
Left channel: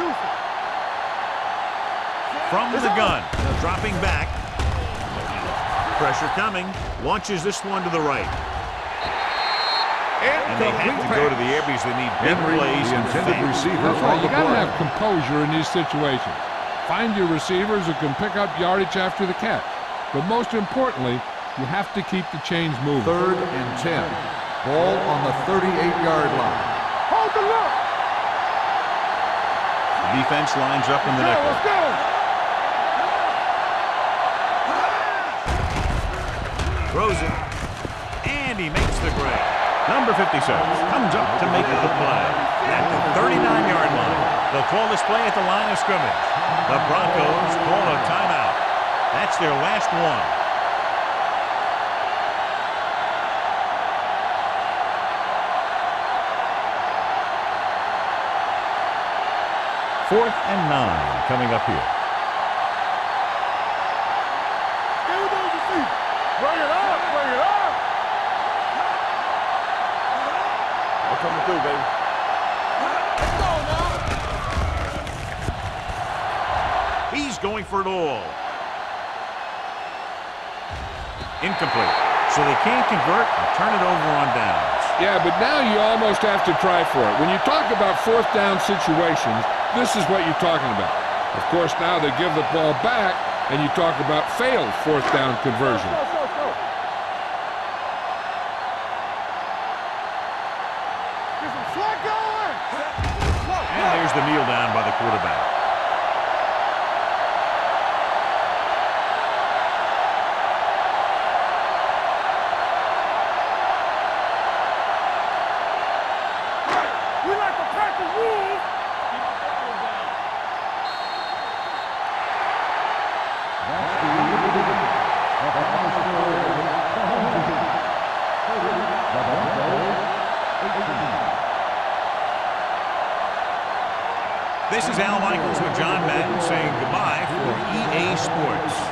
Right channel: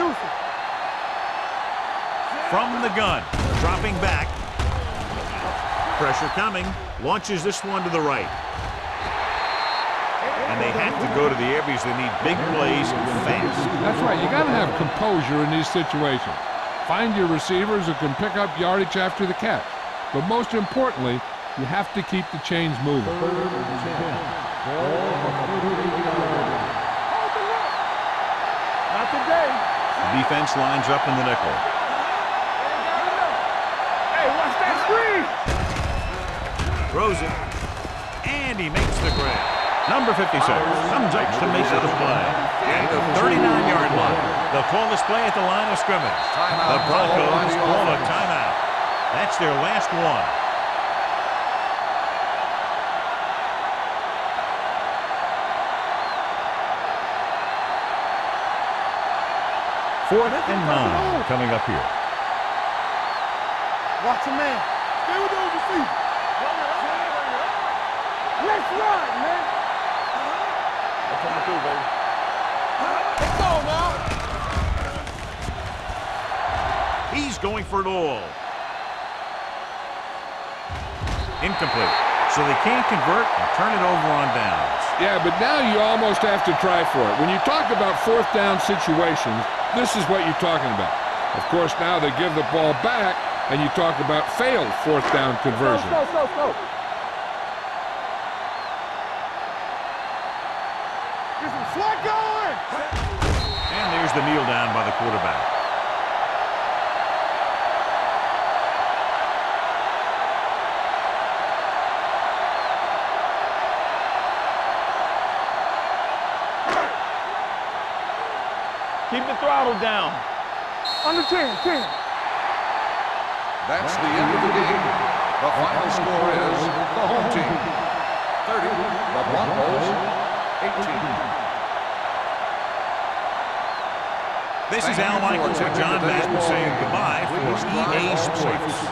From the gun, dropping back. Pressure coming. Launches this one to the right. And they have to go to the air because they need big plays and fast. That's right. You got to have composure in these situations. Find your receivers who can pick up yardage after the catch. But most importantly, you have to keep the chains moving. 3rd and 10. Ball on the 38-yard line. Hold the look. Not today. The defense lines up in the nickel. Hey, watch that Throws it. And he makes the grab. Number 56 comes up to make the play at the 39-yard line. They'll call this play at the line of scrimmage. The Broncos call a timeout. That's their last one. Fourth and 9 coming up here. Watch your man. Stay with those receivers. Bring it up. Let's run, man. I'm coming through, baby. Let's go now. He's going for it all. Incomplete. So they can't convert and turn it over on downs. Yeah, but now you almost have to try for it. When you talk about 4th down situations, this is what you're talking about. Of course, now they give the ball back, and you talk about failed 4th down conversion. Go. Get some slack going. And there's the kneel down by the quarterback. We like to crack the rules. Keep the throttle down. Under 10. That's the end of the game. The final score is the home team 30, the Broncos 18. This is Al Michaels with John Madden saying goodbye for EA Sports.